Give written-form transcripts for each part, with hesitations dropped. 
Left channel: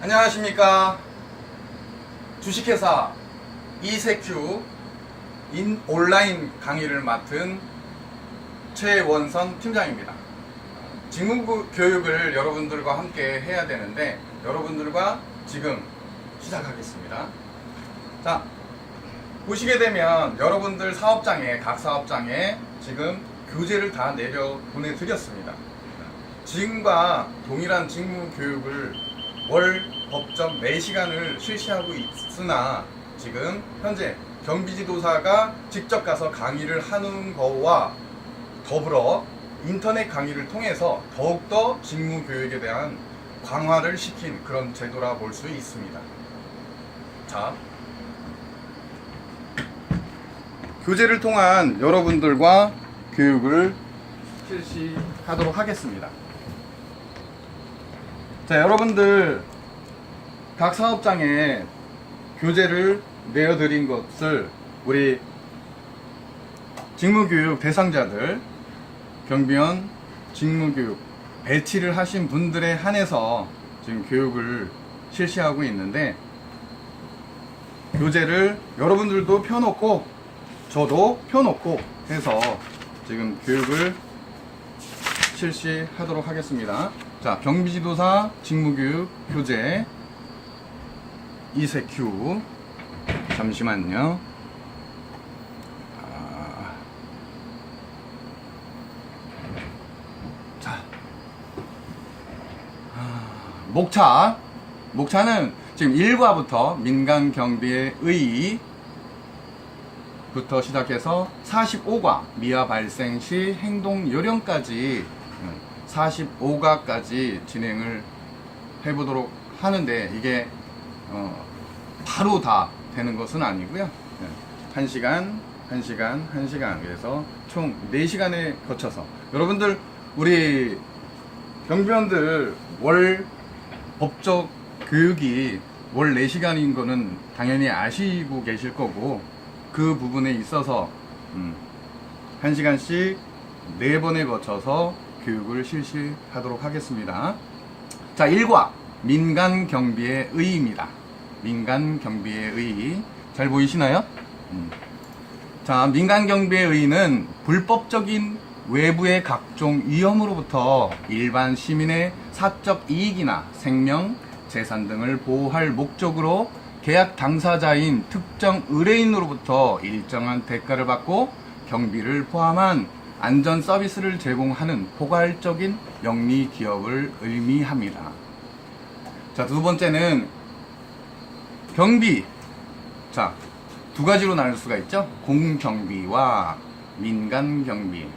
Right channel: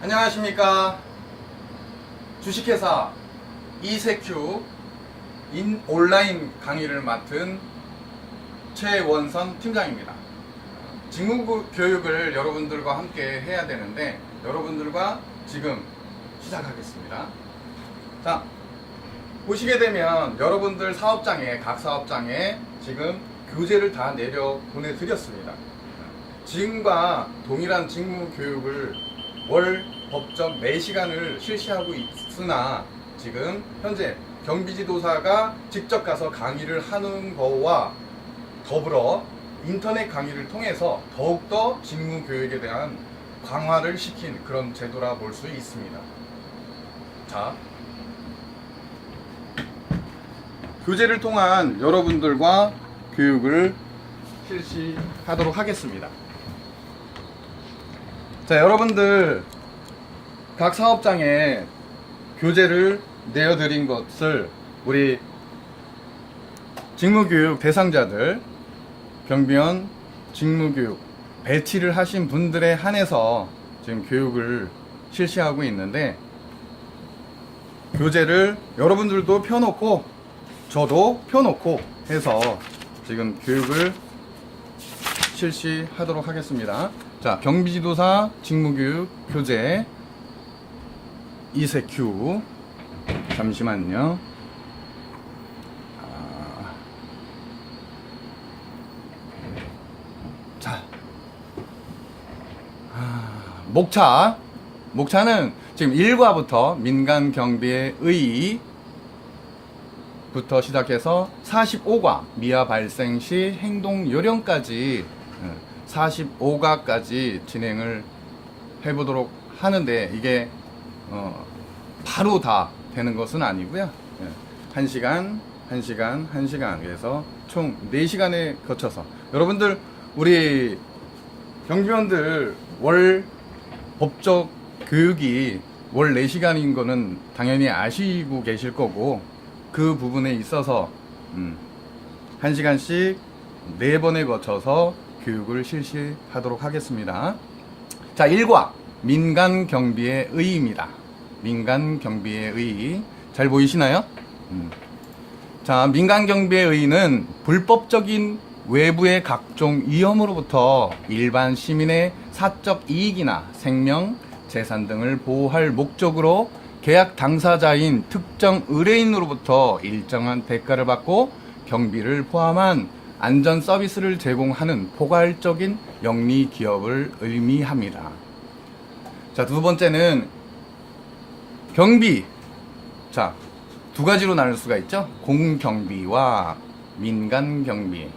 안녕하십니까. 주식회사 이세큐 온라인 강의를 맡은 최원선 팀장입니다. 직무 교육을 여러분들과 함께 해야 되는데 여러분들과 지금 시작하겠습니다. 자, 보시게 되면 여러분들 사업장에 각 사업장에 지금 교재를 다 내려 보내드렸습니다. 지금과 동일한 직무 교육을 월 법정 4시간을 실시하고 있으나 지금 현재 경비지도사가 직접 가서 강의를 하는 거와 더불어 인터넷 강의를 통해서 더욱더 직무 교육에 대한 강화를 시킨 그런 제도라 볼 수 있습니다. 자, 교재를 통한 여러분들과 교육을 실시하도록 하겠습니다. 자, 여러분들 각 사업장에 교재를 내어드린 것을 우리 직무교육 대상자들 경비원 직무교육 배치를 하신 분들에 한해서 지금 교육을 실시하고 있는데, 교재를 여러분들도 펴놓고 저도 펴놓고 해서 지금 교육을 실시하도록 하겠습니다. 자, 경비지도사 직무교육 교재 이세큐. 잠시만요. 자, 목차는 지금 1과부터 민간 경비의 의의부터 시작해서 45과 미아 발생 시 행동 요령까지 45가까지 진행을 해보도록 하는데, 이게 바로 다 되는 것은 아니고요. 1시간 그래서 총 4시간에 거쳐서 여러분들, 우리 경비원들 월 법적 교육이 월 4시간인 거는 당연히 아시고 계실 거고, 그 부분에 있어서 1시간씩 4번에 거쳐서 교육을 실시하도록 하겠습니다. 자, 1과 민간 경비의 의의입니다. 민간 경비의 의의 잘 보이시나요? 자, 민간 경비의 의의는 불법적인 외부의 각종 위험으로부터 일반 시민의 사적 이익이나 생명, 재산 등을 보호할 목적으로 계약 당사자인 특정 의뢰인으로부터 일정한 대가를 받고 경비를 포함한 안전 서비스를 제공하는 포괄적인 영리 기업을 의미합니다. 자, 두 번째는 경비. 자, 두 가지로 나눌 수가 있죠. 공경비와 민간경비.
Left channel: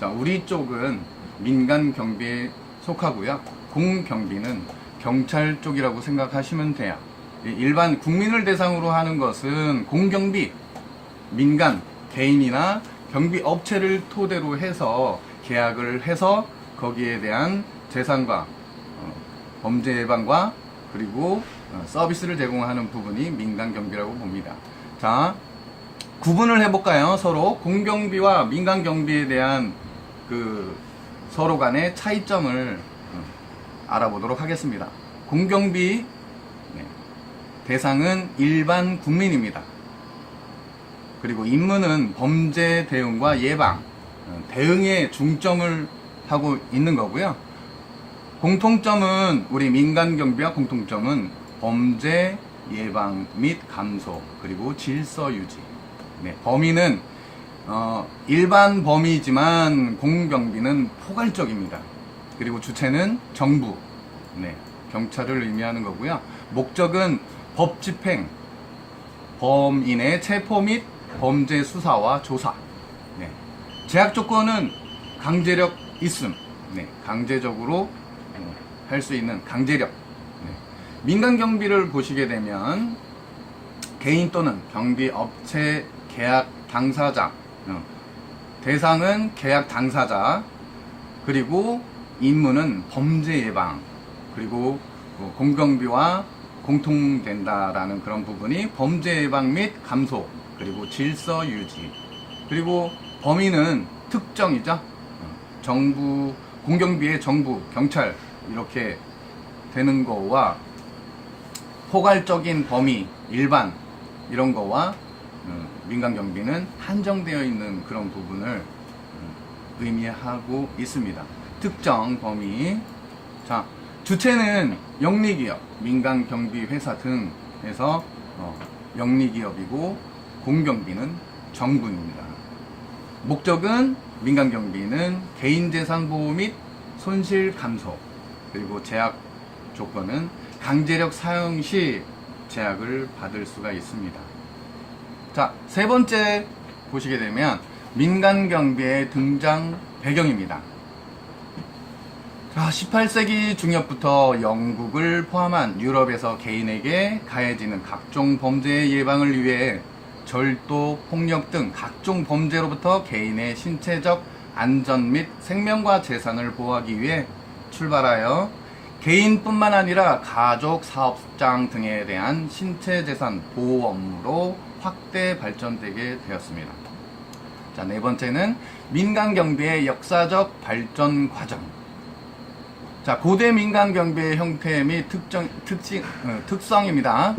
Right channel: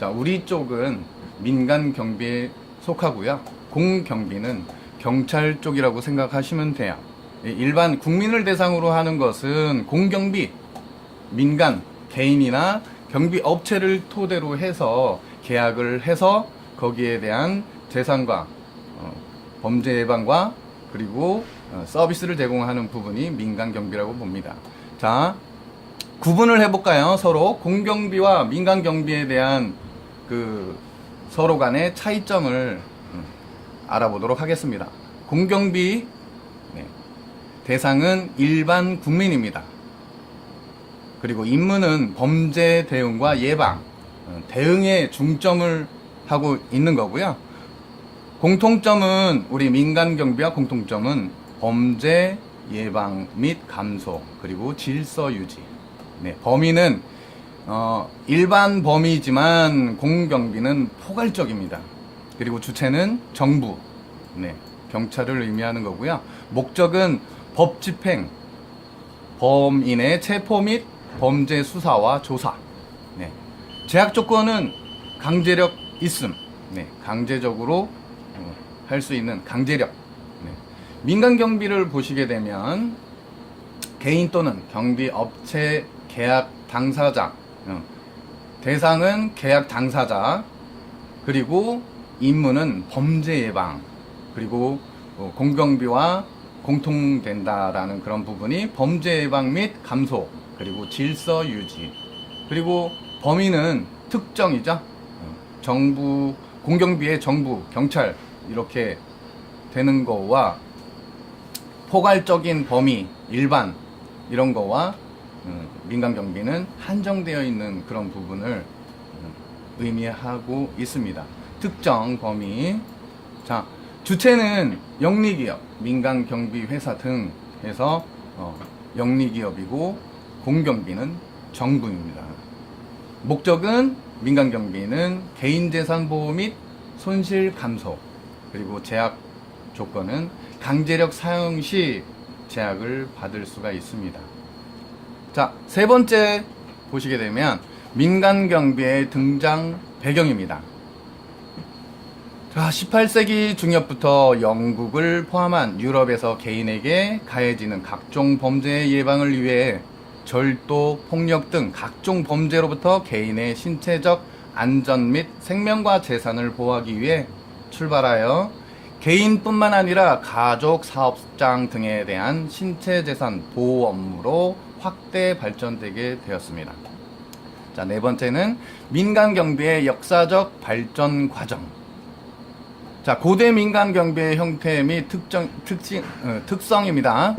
자, 우리 쪽은 민간경비에 속하고요. 공경비는 경찰 쪽이라고 생각하시면 돼요. 일반 국민을 대상으로 하는 것은 공경비, 민간, 개인이나 경비 업체를 토대로 해서 계약을 해서 거기에 대한 재산과 범죄 예방과 그리고 서비스를 제공하는 부분이 민간 경비라고 봅니다. 자, 구분을 해볼까요? 서로 공경비와 민간 경비에 대한 그 서로 간의 차이점을 알아보도록 하겠습니다. 공경비 대상은 일반 국민입니다. 그리고 임무는 범죄 대응과 예방, 대응에 중점을 하고 있는 거고요. 공통점은, 우리 민간 경비와 공통점은 범죄 예방 및 감소, 그리고 질서 유지. 범위는 일반 범위지만 공경비는 포괄적입니다. 그리고 주체는 정부, 경찰을 의미하는 거고요. 목적은 법 집행, 범인의 체포 및 범죄 수사와 조사. 제약 조건은 강제력 있음. 강제적으로 할 수 있는 강제력. 민간 경비를 보시게 되면 개인 또는 경비 업체 계약 당사자, 대상은 계약 당사자, 그리고 임무는 범죄 예방, 그리고 공경비와 공통된다라는 그런 부분이 범죄 예방 및 감소, 그리고 질서 유지, 그리고 범위는 특정이죠. 정부, 공경비의 정부, 경찰 이렇게 되는 거와 포괄적인 범위, 일반 이런 거와 민간 경비는 한정되어 있는 그런 부분을 의미하고 있습니다. 특정 범위. 자, 주체는 영리기업, 민간 경비 회사 등 해서 영리기업이고 공경비는 정부입니다. 목적은 민간 경비는 개인재산 보호 및 손실 감소, 그리고 제약 조건은 강제력 사용 시 제약을 받을 수가 있습니다. 자, 세 번째 보시게 되면 민간 경비의 등장 배경입니다. 자, 18세기 중엽부터 영국을 포함한 유럽에서 개인에게 가해지는 각종 범죄의 예방을 위해 절도, 폭력 등 각종 범죄로부터 개인의 신체적 안전 및 생명과 재산을 보호하기 위해 출발하여 개인뿐만 아니라 가족, 사업장 등에 대한 신체 재산 보호 업무로 확대 발전되게 되었습니다. 자, 네 번째는 민간 경비의 역사적 발전 과정. 자, 고대 민간 경비의 형태 및 특성입니다.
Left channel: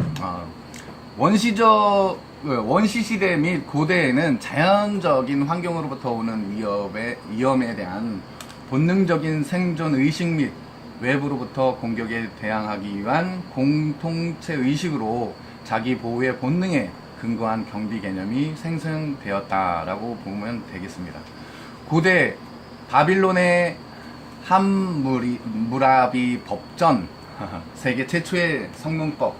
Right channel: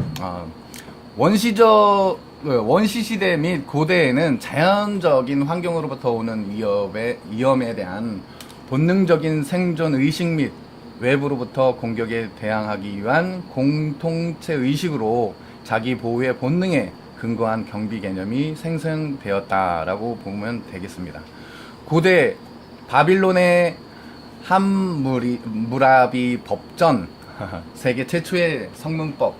원시시대 및 고대에는 자연적인 환경으로부터 오는 위험에 대한 본능적인 생존 의식 및 외부로부터 공격에 대항하기 위한 공통체 의식으로 자기 보호의 본능에 근거한 경비 개념이 생성되었다라고 보면 되겠습니다. 고대 바빌론의 함무라비 법전, 세계 최초의 성문법,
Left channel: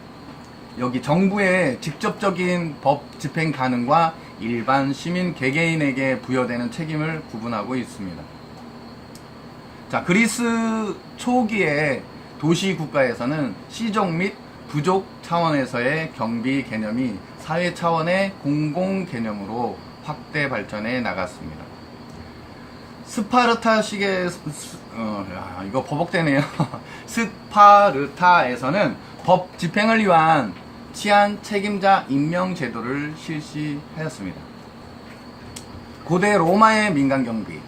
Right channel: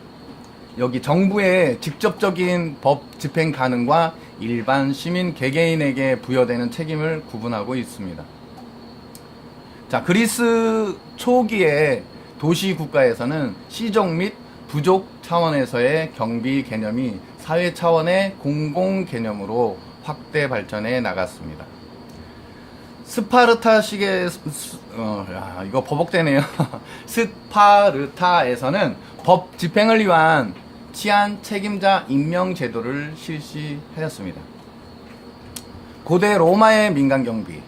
여기 정부의 직접적인 법 집행 가능과 일반 시민 개개인에게 부여되는 책임을 구분하고 있습니다. 자, 그리스 초기의 도시 국가에서는 시족 및 부족 차원에서의 경비 개념이 사회 차원의 공공 개념으로 확대 발전해 나갔습니다. 스파르타식의 이거 버벅대네요. 스파르타에서는 법 집행을 위한 치안 책임자 임명 제도를 실시하였습니다. 고대 로마의 민간 경비,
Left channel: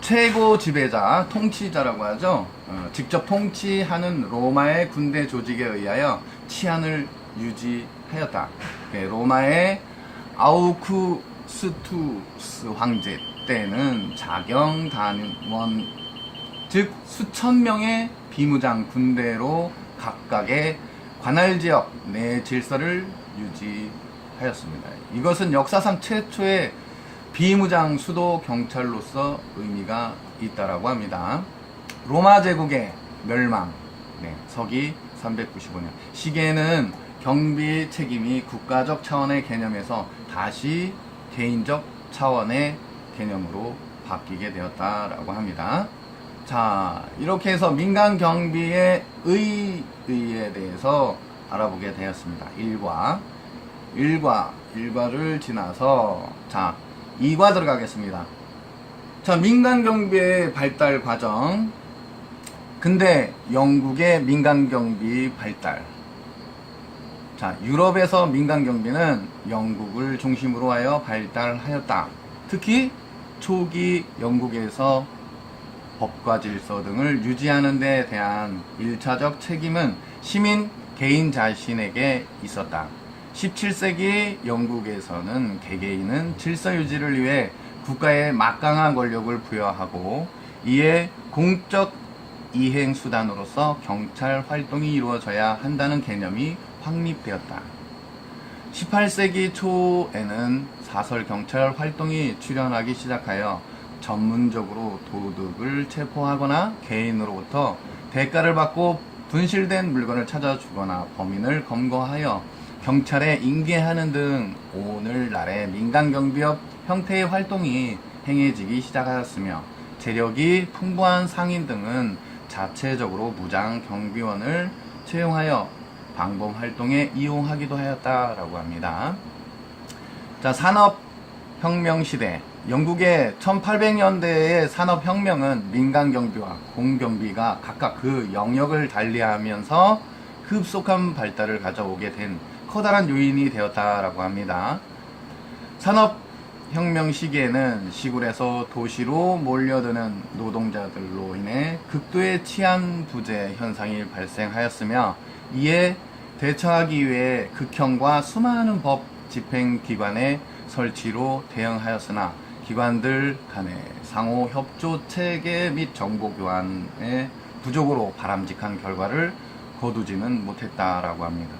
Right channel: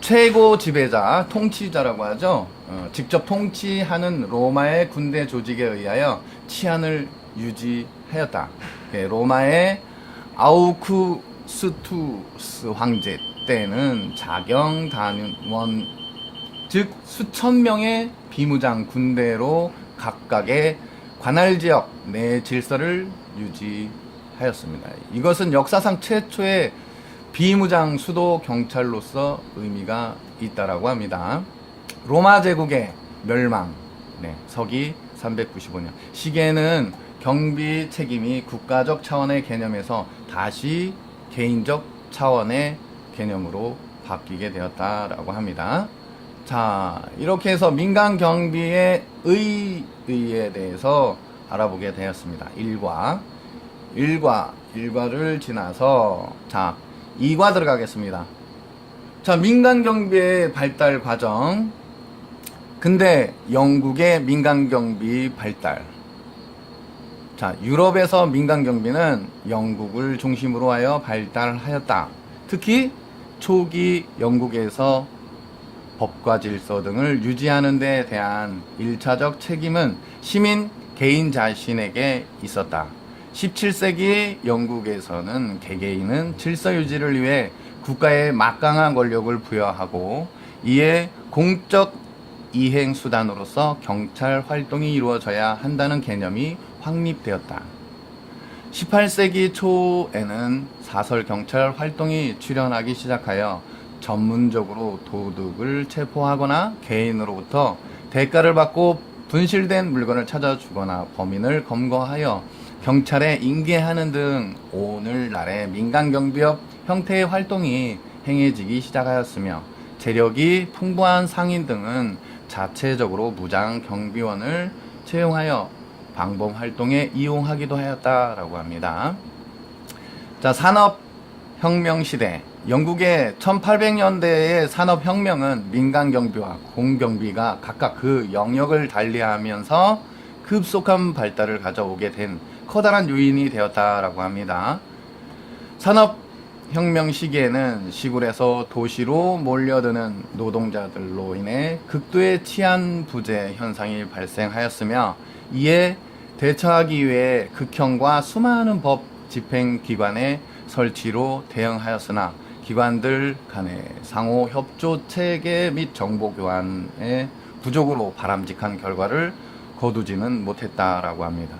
최고 지배자, 통치자라고 하죠. 직접 통치하는 로마의 군대 조직에 의하여 치안을 유지하였다. 로마의 아우구스투스 황제 때는 자경단원, 즉 수천 명의 비무장 군대로 각각의 관할 지역 내 질서를 유지하였습니다. 이것은 역사상 최초의 비무장 수도 경찰로서 의미가 있다라고 합니다. 로마 제국의 멸망, 서기 395년. 시기에는 경비 책임이 국가적 차원의 개념에서 다시 개인적 차원의 개념으로 바뀌게 되었다라고 합니다. 자, 이렇게 해서 민간 경비의 의의에 대해서 알아보게 되었습니다. 1과를 지나서 자, 2과 들어가겠습니다. 자, 민간 경비의 발달 과정. 근데 영국의 민간 경비 발달. 자, 유럽에서 민간 경비는 영국을 중심으로 하여 발달하였다. 특히 초기 영국에서 법과 질서 등을 유지하는 데 대한 1차적 책임은 시민 개인 자신에게 있었다. 17세기 영국에서는 개개인은 질서 유지를 위해 국가에 막강한 권력을 부여하고 이에 공적 이행 수단으로서 경찰 활동이 이루어져야 한다는 개념이 확립되었다. 18세기 초에는 사설 경찰 활동이 출현하기 시작하여 전문적으로 도둑을 체포하거나 개인으로부터 대가를 받고 분실된 물건을 찾아주거나 범인을 검거하여 경찰에 인계하는 등 오늘날의 민간경비업 형태의 활동이 행해지기 시작하였으며 재력이 풍부한 상인 등은 자체적으로 무장 경비원을 채용하여 방범 활동에 이용하기도 하였다라고 합니다. 자, 산업혁명 시대. 영국의 1800년대의 산업혁명은 민간경비와 공경비가 각각 그 영역을 달리하면서 급속한 발달을 가져오게 된 커다란 요인이 되었다라고 합니다. 산업혁명 시기에는 시골에서 도시로 몰려드는 노동자들로 인해 극도의 치안 부재 현상이 발생하였으며, 이에 대처하기 위해 극형과 수많은 법 집행기관의 설치로 대응하였으나 기관들 간의 상호 협조 체계 및 정보 교환의 부족으로 바람직한 결과를 거두지는 못했다라고 합니다.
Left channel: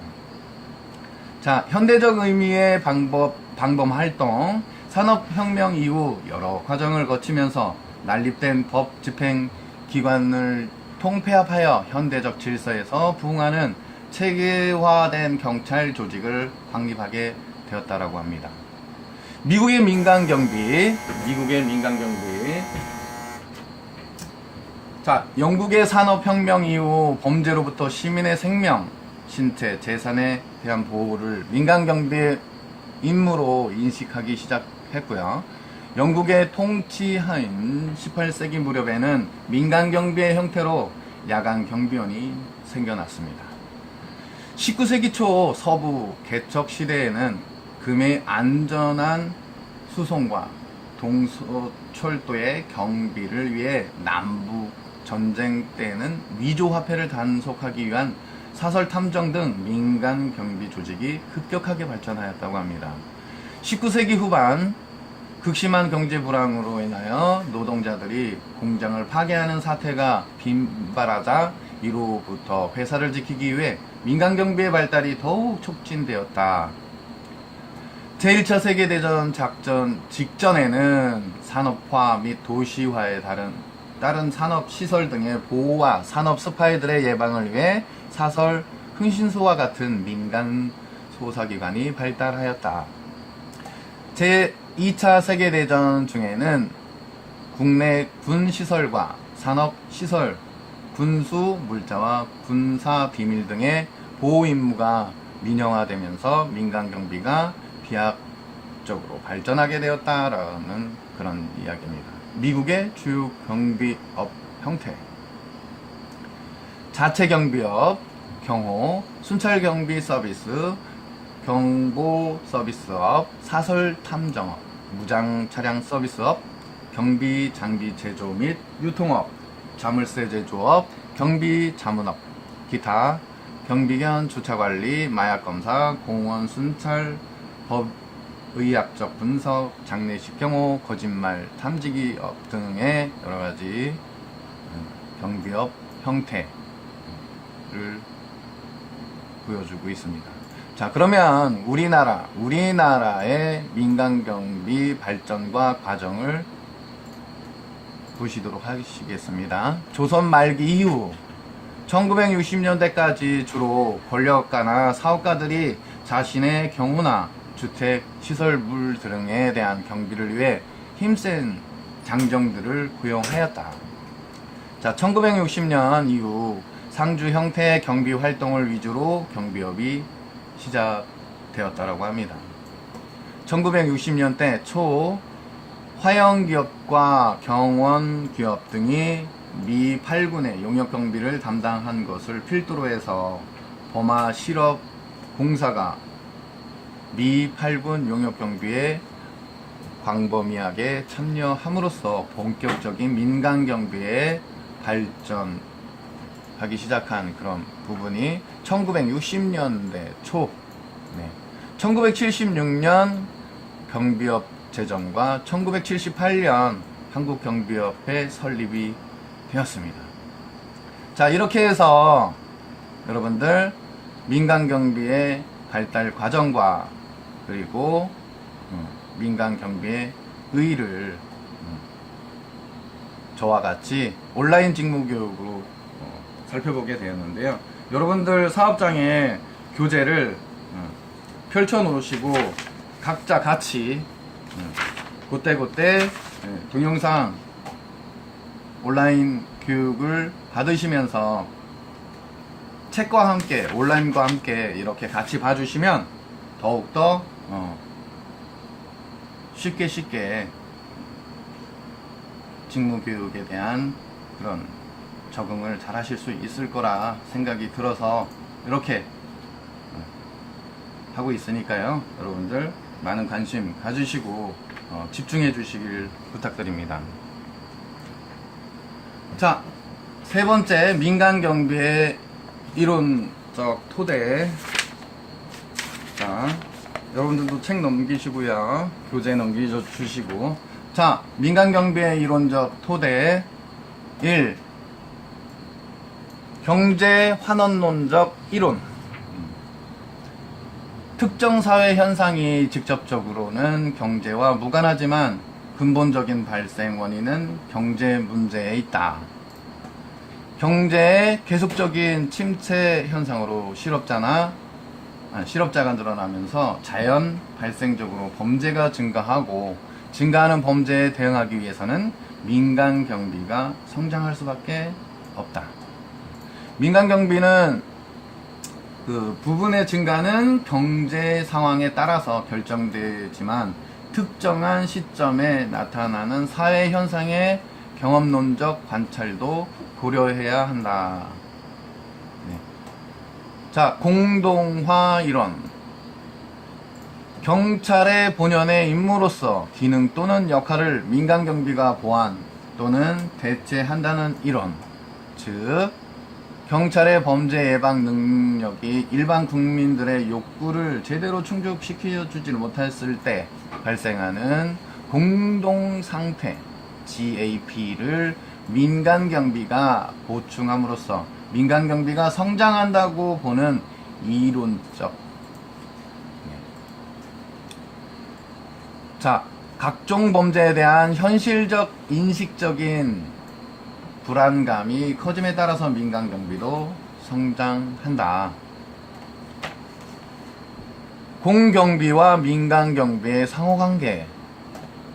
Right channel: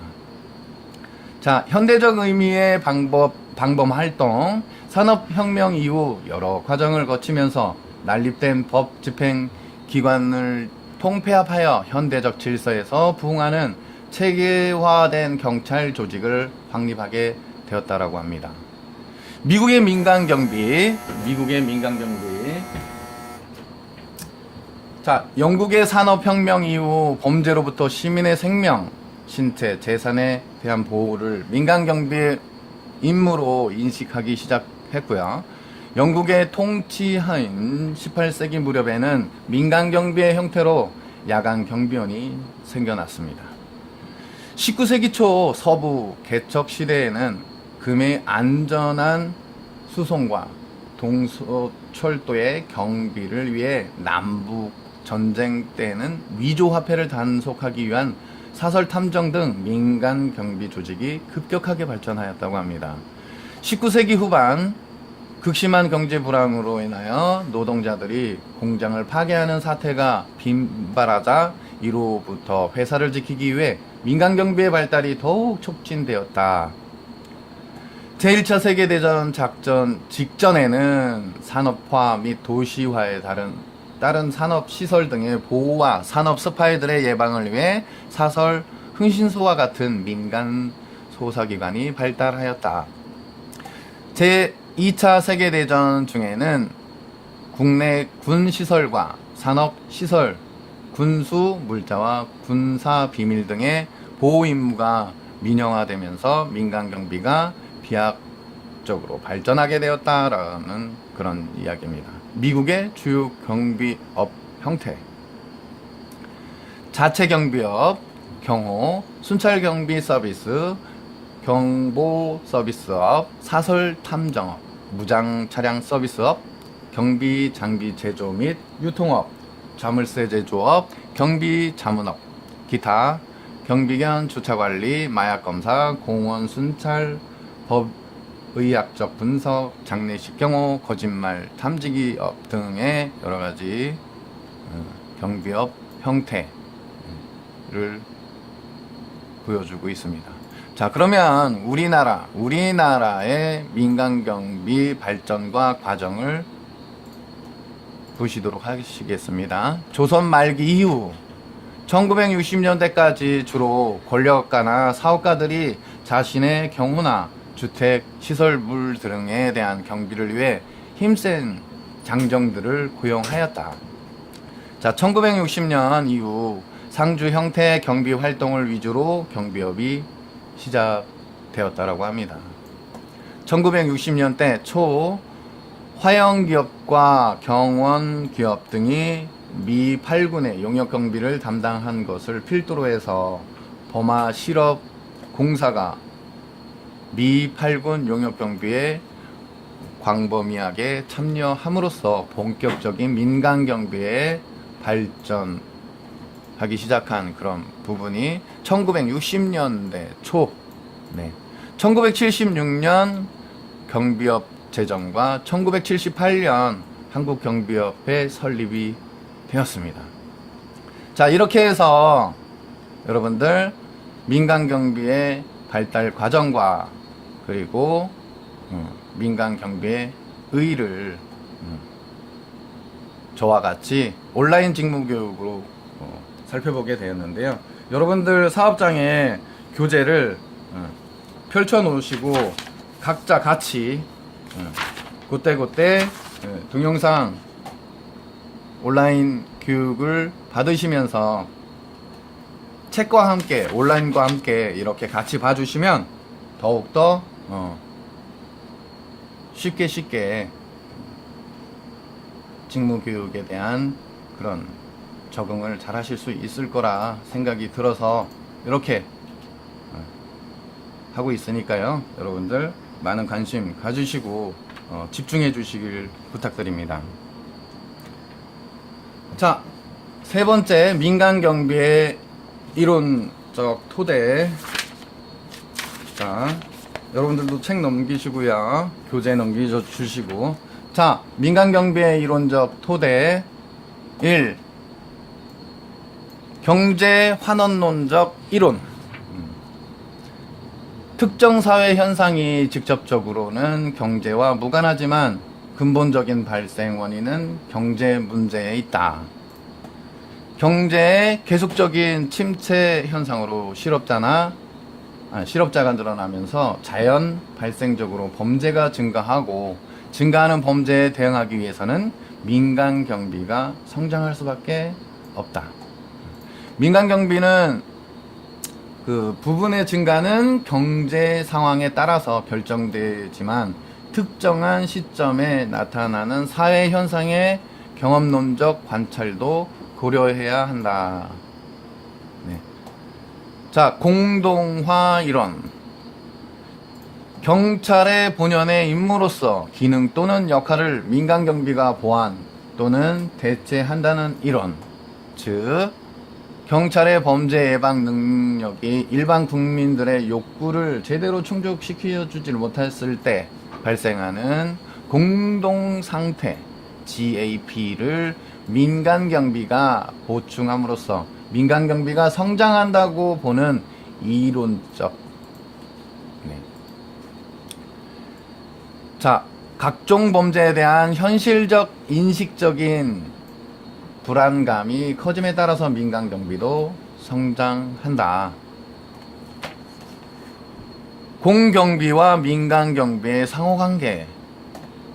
자, 현대적 의미의 방범 활동, 산업혁명 이후 여러 과정을 거치면서 난립된 법 집행 기관을 통폐합하여 현대적 질서에서 부응하는 체계화된 경찰 조직을 확립하게 되었다라고 합니다. 미국의 민간 경비. 자, 영국의 산업혁명 이후 범죄로부터 시민의 생명, 신체, 재산에 대한 보호를 민간 경비의 임무로 인식하기 시작했고요. 영국의 통치하인 18세기 무렵에는 민간 경비의 형태로 야간 경비원이 생겨났습니다. 19세기 초 서부 개척 시대에는 금의 안전한 수송과 동서철도의 경비를 위해 남북 전쟁 때에는 위조 화폐를 단속하기 위한 사설 탐정 등 민간 경비 조직이 급격하게 발전하였다고 합니다. 19세기 후반 극심한 경제 불황으로 인하여 노동자들이 공장을 파괴하는 사태가 빈발하자 이로부터 회사를 지키기 위해 민간 경비의 발달이 더욱 촉진되었다. 제1차 세계대전 작전 직전에는 산업화 및 도시화에 다른 산업시설 등의 보호와 산업 스파이들의 예방을 위해 사설 흥신소와 같은 민간 소사기관이 발달하였다. 제2차 세계대전 중에는 국내 군시설과 산업시설, 군수, 물자와 군사 비밀 등의 보호 임무가 민영화되면서 민간 경비가 비약적으로 발전하게 되었다라는 그런 이야기입니다. 미국의 주요 경비업 형태. 자체 경비업, 경호, 순찰 경비 서비스, 경보 서비스업, 사설 탐정업, 무장 차량 서비스업, 경비 장비 제조 및 유통업, 자물쇠 제조업, 경비 자문업, 기타, 경비견 주차관리, 마약검사, 공원 순찰, 법의학적 분석, 장례식 경호, 거짓말 탐지기업 등의 여러가지 경비업 형태를 보여주고 있습니다. 자, 그러면 우리나라의 민간경비 발전과 과정을 보시도록 하시겠습니다. 조선 말기 이후 1960년대까지 주로 권력가나 사업가들이 자신의 경호나 주택, 시설물 등에 대한 경비를 위해 힘센 장정들을 고용하였다. 자, 1960년 이후 상주 형태의 경비 활동을 위주로 경비업이 시작되었다라고 합니다. 1960년대 초 화영기업과 경원기업 등이 미 8군의 용역경비를 담당한 것을 필두로 해서 범하 실업공사가 미 8군 용역경비에 광범위하게 참여함으로써 본격적인 민간경비에 발전하기 시작한 그런 부분이 1960년대 초, 1976년 경비업 제정과 1978년 한국경비업의 설립이 되었습니다. 자, 이렇게 해서 여러분들 민간경비의 발달 과정과 그리고 민간경비의 의의를 저와 같이 온라인 직무교육으로 살펴보게 되었는데요. 여러분들 사업장에 교재를 펼쳐 놓으시고 각자 같이 그때그때 동영상 온라인 교육을 받으시면서 책과 함께 온라인과 함께 이렇게 같이 봐주시면 더욱더 쉽게 직무교육에 대한 그런 적응을 잘 하실 수 있을 거라 생각이 들어서 이렇게 하고 있으니까요. 여러분들 많은 관심 가지시고 집중해 주시길 부탁드립니다. 자, 세 번째 민간 경비의 이론적 토대. 자, 여러분들도 책 넘기시고요. 교재 넘기주시고. 자, 민간 경비의 이론적 토대 1. 경제 환원론적 이론. 특정 사회 현상이 직접적으로는 경제와 무관하지만 근본적인 발생 원인은 경제 문제에 있다. 경제의 계속적인 침체 현상으로 실업자가 늘어나면서 자연 발생적으로 범죄가 증가하고 증가하는 범죄에 대응하기 위해서는 민간 경비가 성장할 수밖에 없다. 민간 경비는 그 부분의 증가는 경제 상황에 따라서 결정되지만 특정한 시점에 나타나는 사회 현상의 경험론적 관찰도 고려해야 한다. 네. 자, 공동화 이론. 경찰의 본연의 임무로서 기능 또는 역할을 민간 경비가 보완 또는 대체한다는 이론. 즉, 경찰의 범죄 예방 능력이 일반 국민들의 욕구를 제대로 충족시켜주지 못했을 때 발생하는 공동상태 GAP를 민간 경비가 보충함으로써 민간 경비가 성장한다고 보는 이론적. 네. 자, 각종 범죄에 대한 현실적 인식적인 불안감이 커짐에 따라서 민간 경비도 성장한다. 공경비와 민간 경비의 상호관계.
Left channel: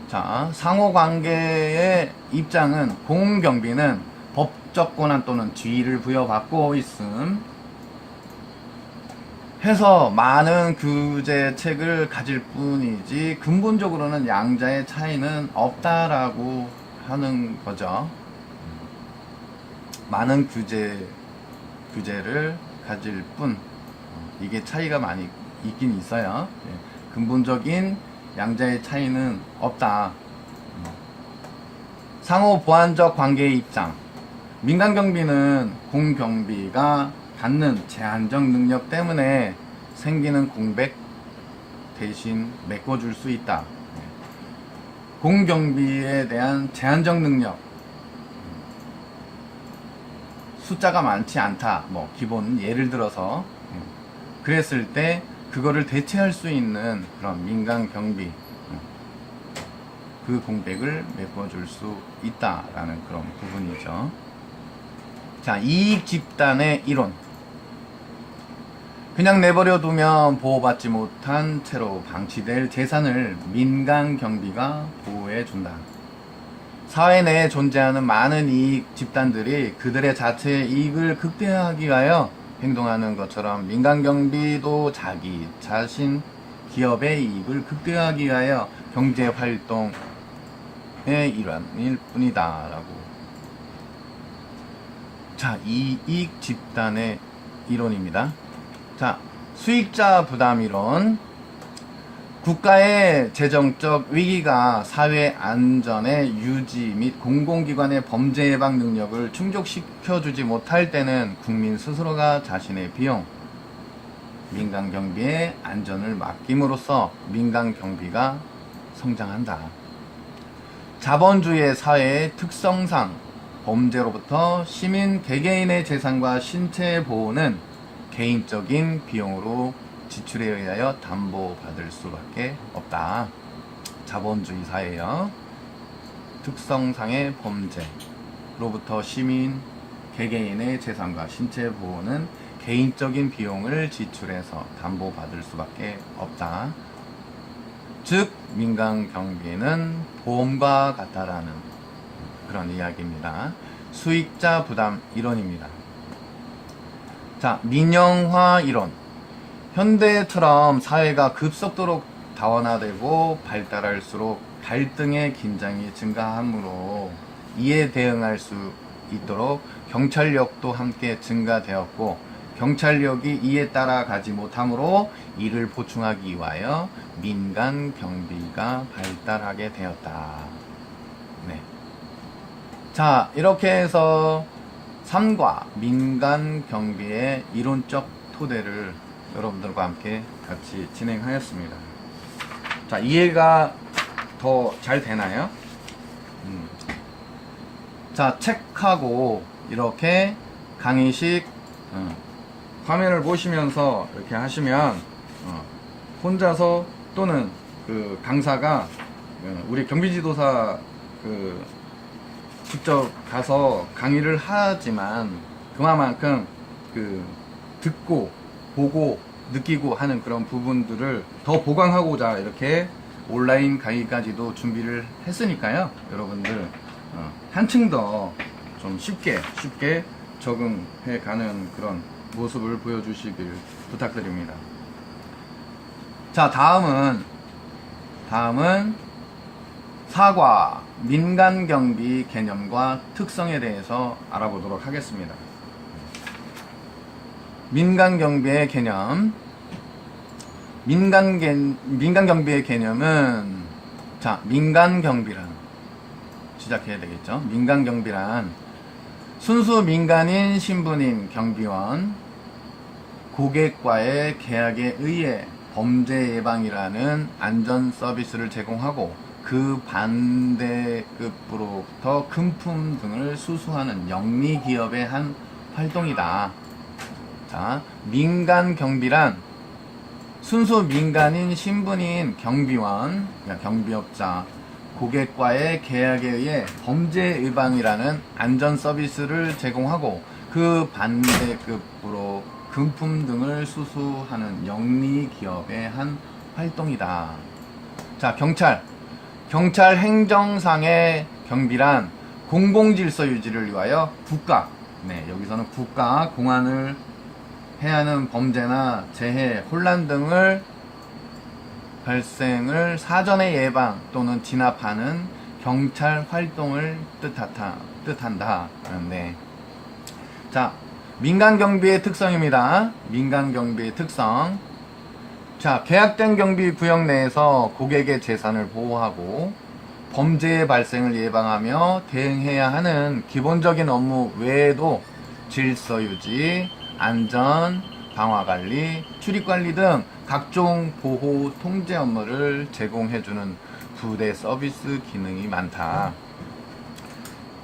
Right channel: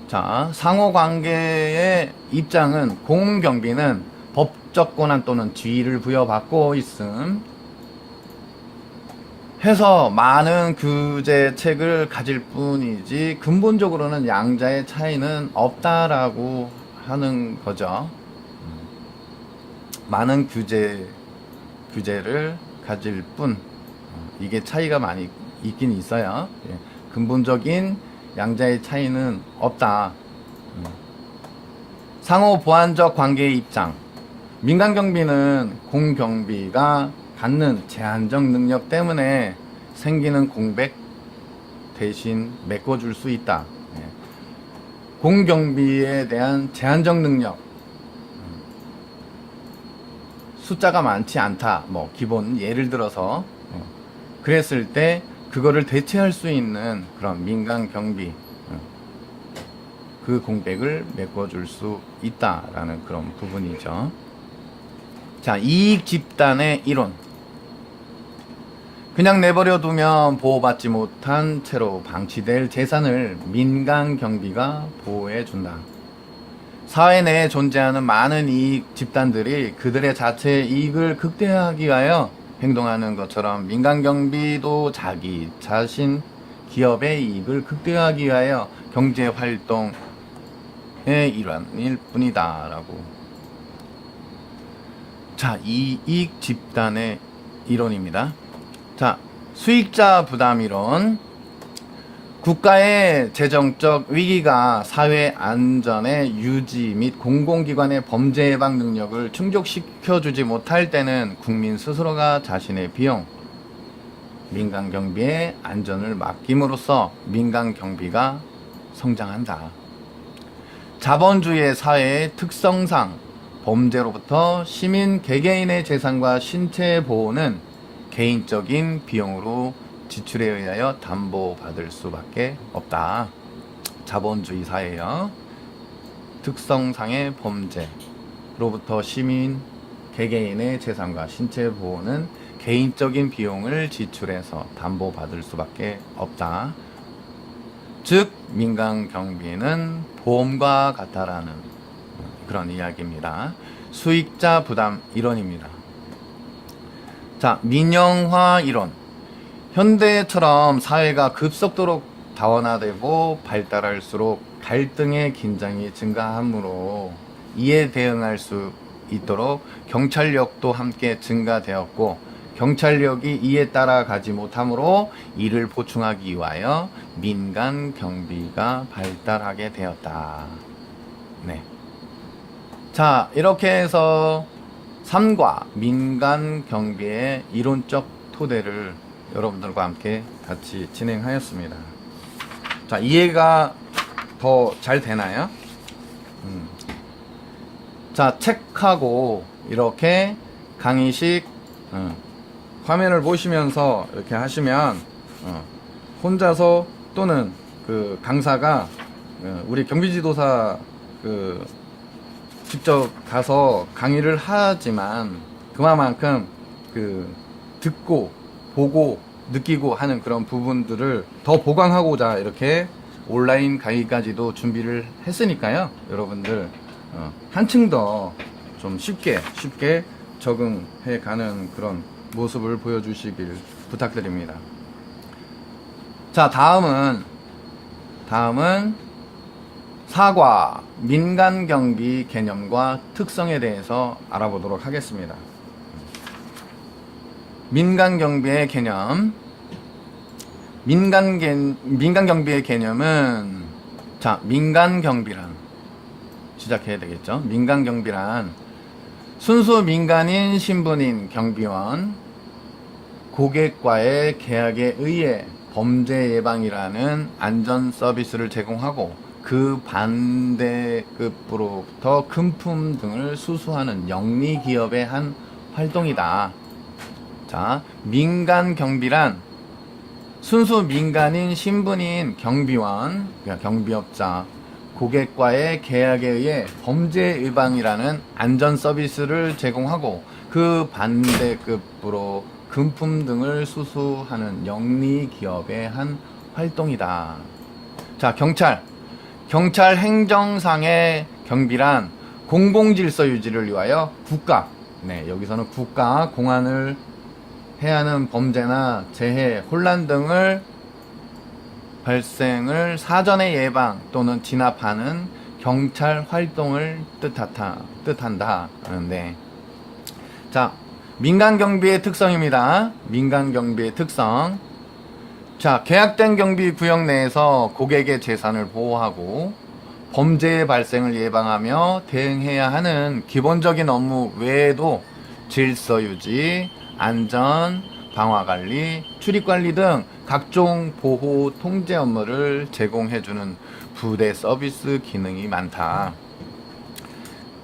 자, 상호관계의 입장은 공경비는 법적 권한 또는 지위를 부여받고 있음 해서 많은 규제책을 가질 뿐이지 근본적으로는 양자의 차이는 없다라고 하는 거죠. 많은 규제를 가질 뿐, 이게 차이가 많이 있긴 있어요. 예, 근본적인 양자의 차이는 없다. 상호 보완적 관계의 입장. 민간 경비는 공경비가 갖는 제한적 능력 때문에 생기는 공백 대신 메꿔줄 수 있다. 예, 공경비에 대한 제한적 능력. 숫자가 많지 않다. 뭐 기본 예를 들어서 그랬을 때 그거를 대체할 수 있는 그런 민간 경비, 그 공백을 메꿔줄 수 있다라는 그런 부분이죠. 자, 이익 집단의 이론. 그냥 내버려 두면 보호받지 못한 채로 방치될 재산을 민간 경비가 보호해 준다. 사회 내에 존재하는 많은 이익 집단들이 그들의 자체의 이익을 극대화하기 위하여 행동하는 것처럼 민간 경비도 자기 자신 기업의 이익을 극대화하기 위하여 경제 활동의 일환일 뿐이다 라고. 자, 이익 집단의 이론입니다. 자, 수익자 부담 이론. 국가의 재정적 위기가 사회 안전의 유지 및 공공기관의 범죄 예방 능력을 충족시켜주지 못할 때는 국민 스스로가 자신의 비용, 민간 경비의 안전을 맡김으로써 민간 경비가 성장한다. 자본주의 사회의 특성상 범죄로부터 시민 개개인의 재산과 신체 보호는 개인적인 비용으로 지출에 의하여 담보받을 수밖에 없다. 자본주의 사회요. 특성상의 범죄로부터 시민 개개인의 재산과 신체 보호는 개인적인 비용을 지출해서 담보받을 수밖에 없다. 즉 민간 경비는 보험과 같다라는 그런 이야기입니다. 수익자 부담 이론입니다. 자, 민영화 이론. 현대처럼 사회가 급속도로 다원화되고 발달할수록 갈등의 긴장이 증가하므로 이에 대응할 수 있도록 경찰력도 함께 증가되었고 경찰력이 이에 따라가지 못하므로 이를 보충하기 위하여 민간 경비가 발달하게 되었다. 네. 자, 이렇게 해서 3과 민간 경비의 이론적 토대를 여러분들과 함께 같이 진행하였습니다. 자, 이해가 더 잘 되나요? 자, 책하고 이렇게 강의식 화면을 보시면서 이렇게 하시면 혼자서 또는 그 강사가 우리 경비지도사 직접 가서 강의를 하지만 그만큼 듣고 보고 느끼고 하는 그런 부분들을 더 보강하고자 이렇게 온라인 강의까지도 준비를 했으니까요. 여러분들 한층 더 좀 쉽게 적응해 가는 그런 모습을 보여주시길 부탁드립니다. 자, 다음은 사과 민간경비 개념과 특성에 대해서 알아보도록 하겠습니다. 민간경비의 개념. 민간경비의 개념은, 자, 민간경비란 시작해야 되겠죠. 민간경비란 순수 민간인 신분인 경비원, 고객과의 계약에 의해 범죄 예방이라는 안전 서비스를 제공하고 그 반대급으로부터 금품 등을 수수하는 영리 기업의 한 활동이다. 자, 민간 경비란 순수 민간인 신분인 경비원, 그러니까 경비업자, 고객과의 계약에 의해 범죄 예방이라는 안전 서비스를 제공하고 그 반대급으로 금품 등을 수수하는 영리 기업의 한 활동이다. 자, 경찰 행정상의 경비란 공공질서 유지를 위하여 국가, 여기서는 국가, 공안을 해하는 범죄나 재해, 혼란 등을 발생을 사전에 예방 또는 진압하는 경찰 활동을 뜻한다. 네. 자, 민간경비의 특성입니다. 민간경비의 특성. 자, 계약된 경비 구역 내에서 고객의 재산을 보호하고 범죄의 발생을 예방하며 대응해야 하는 기본적인 업무 외에도 질서 유지, 안전, 방화 관리, 출입 관리 등 각종 보호 통제 업무를 제공해주는 부대 서비스 기능이 많다.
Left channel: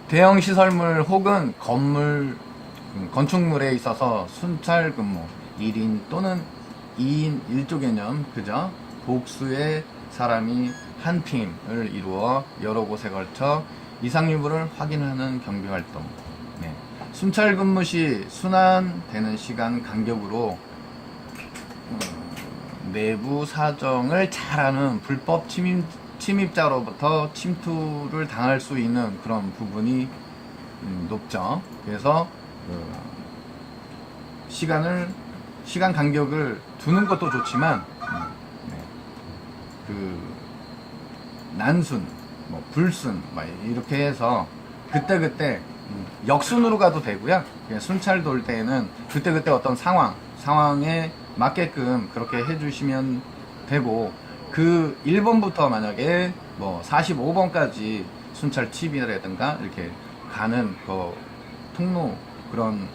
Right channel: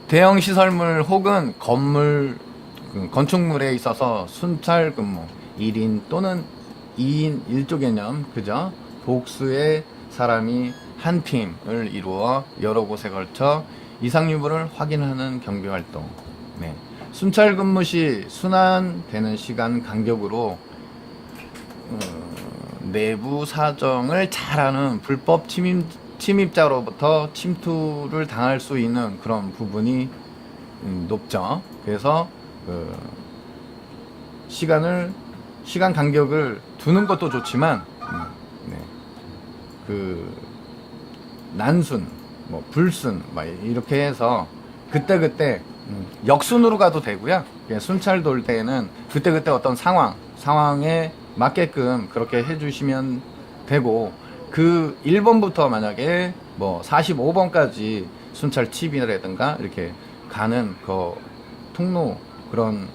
대형 시설물 혹은 건축물에 있어서 순찰 근무, 1인 또는 2인 1조 개념, 그죠? 복수의 사람이 한 팀을 이루어 여러 곳에 걸쳐 이상 유무를 확인하는 경비 활동. 네. 순찰 근무 시 순환되는 시간 간격으로 내부 사정을 잘 아는 불법 침입자로부터 침투를 당할 수 있는 그런 부분이 높죠. 그래서 시간 간격을 두는 것도 좋지만 난순, 불순 이렇게 해서 그때 역순으로 가도 되고요. 그냥 순찰 돌 때에는 그때 어떤 상황에 맞게끔 그렇게 해주시면 되고, 그 1번부터 만약에 45번까지 순찰 칩이라든가 이렇게 가는 통로 그런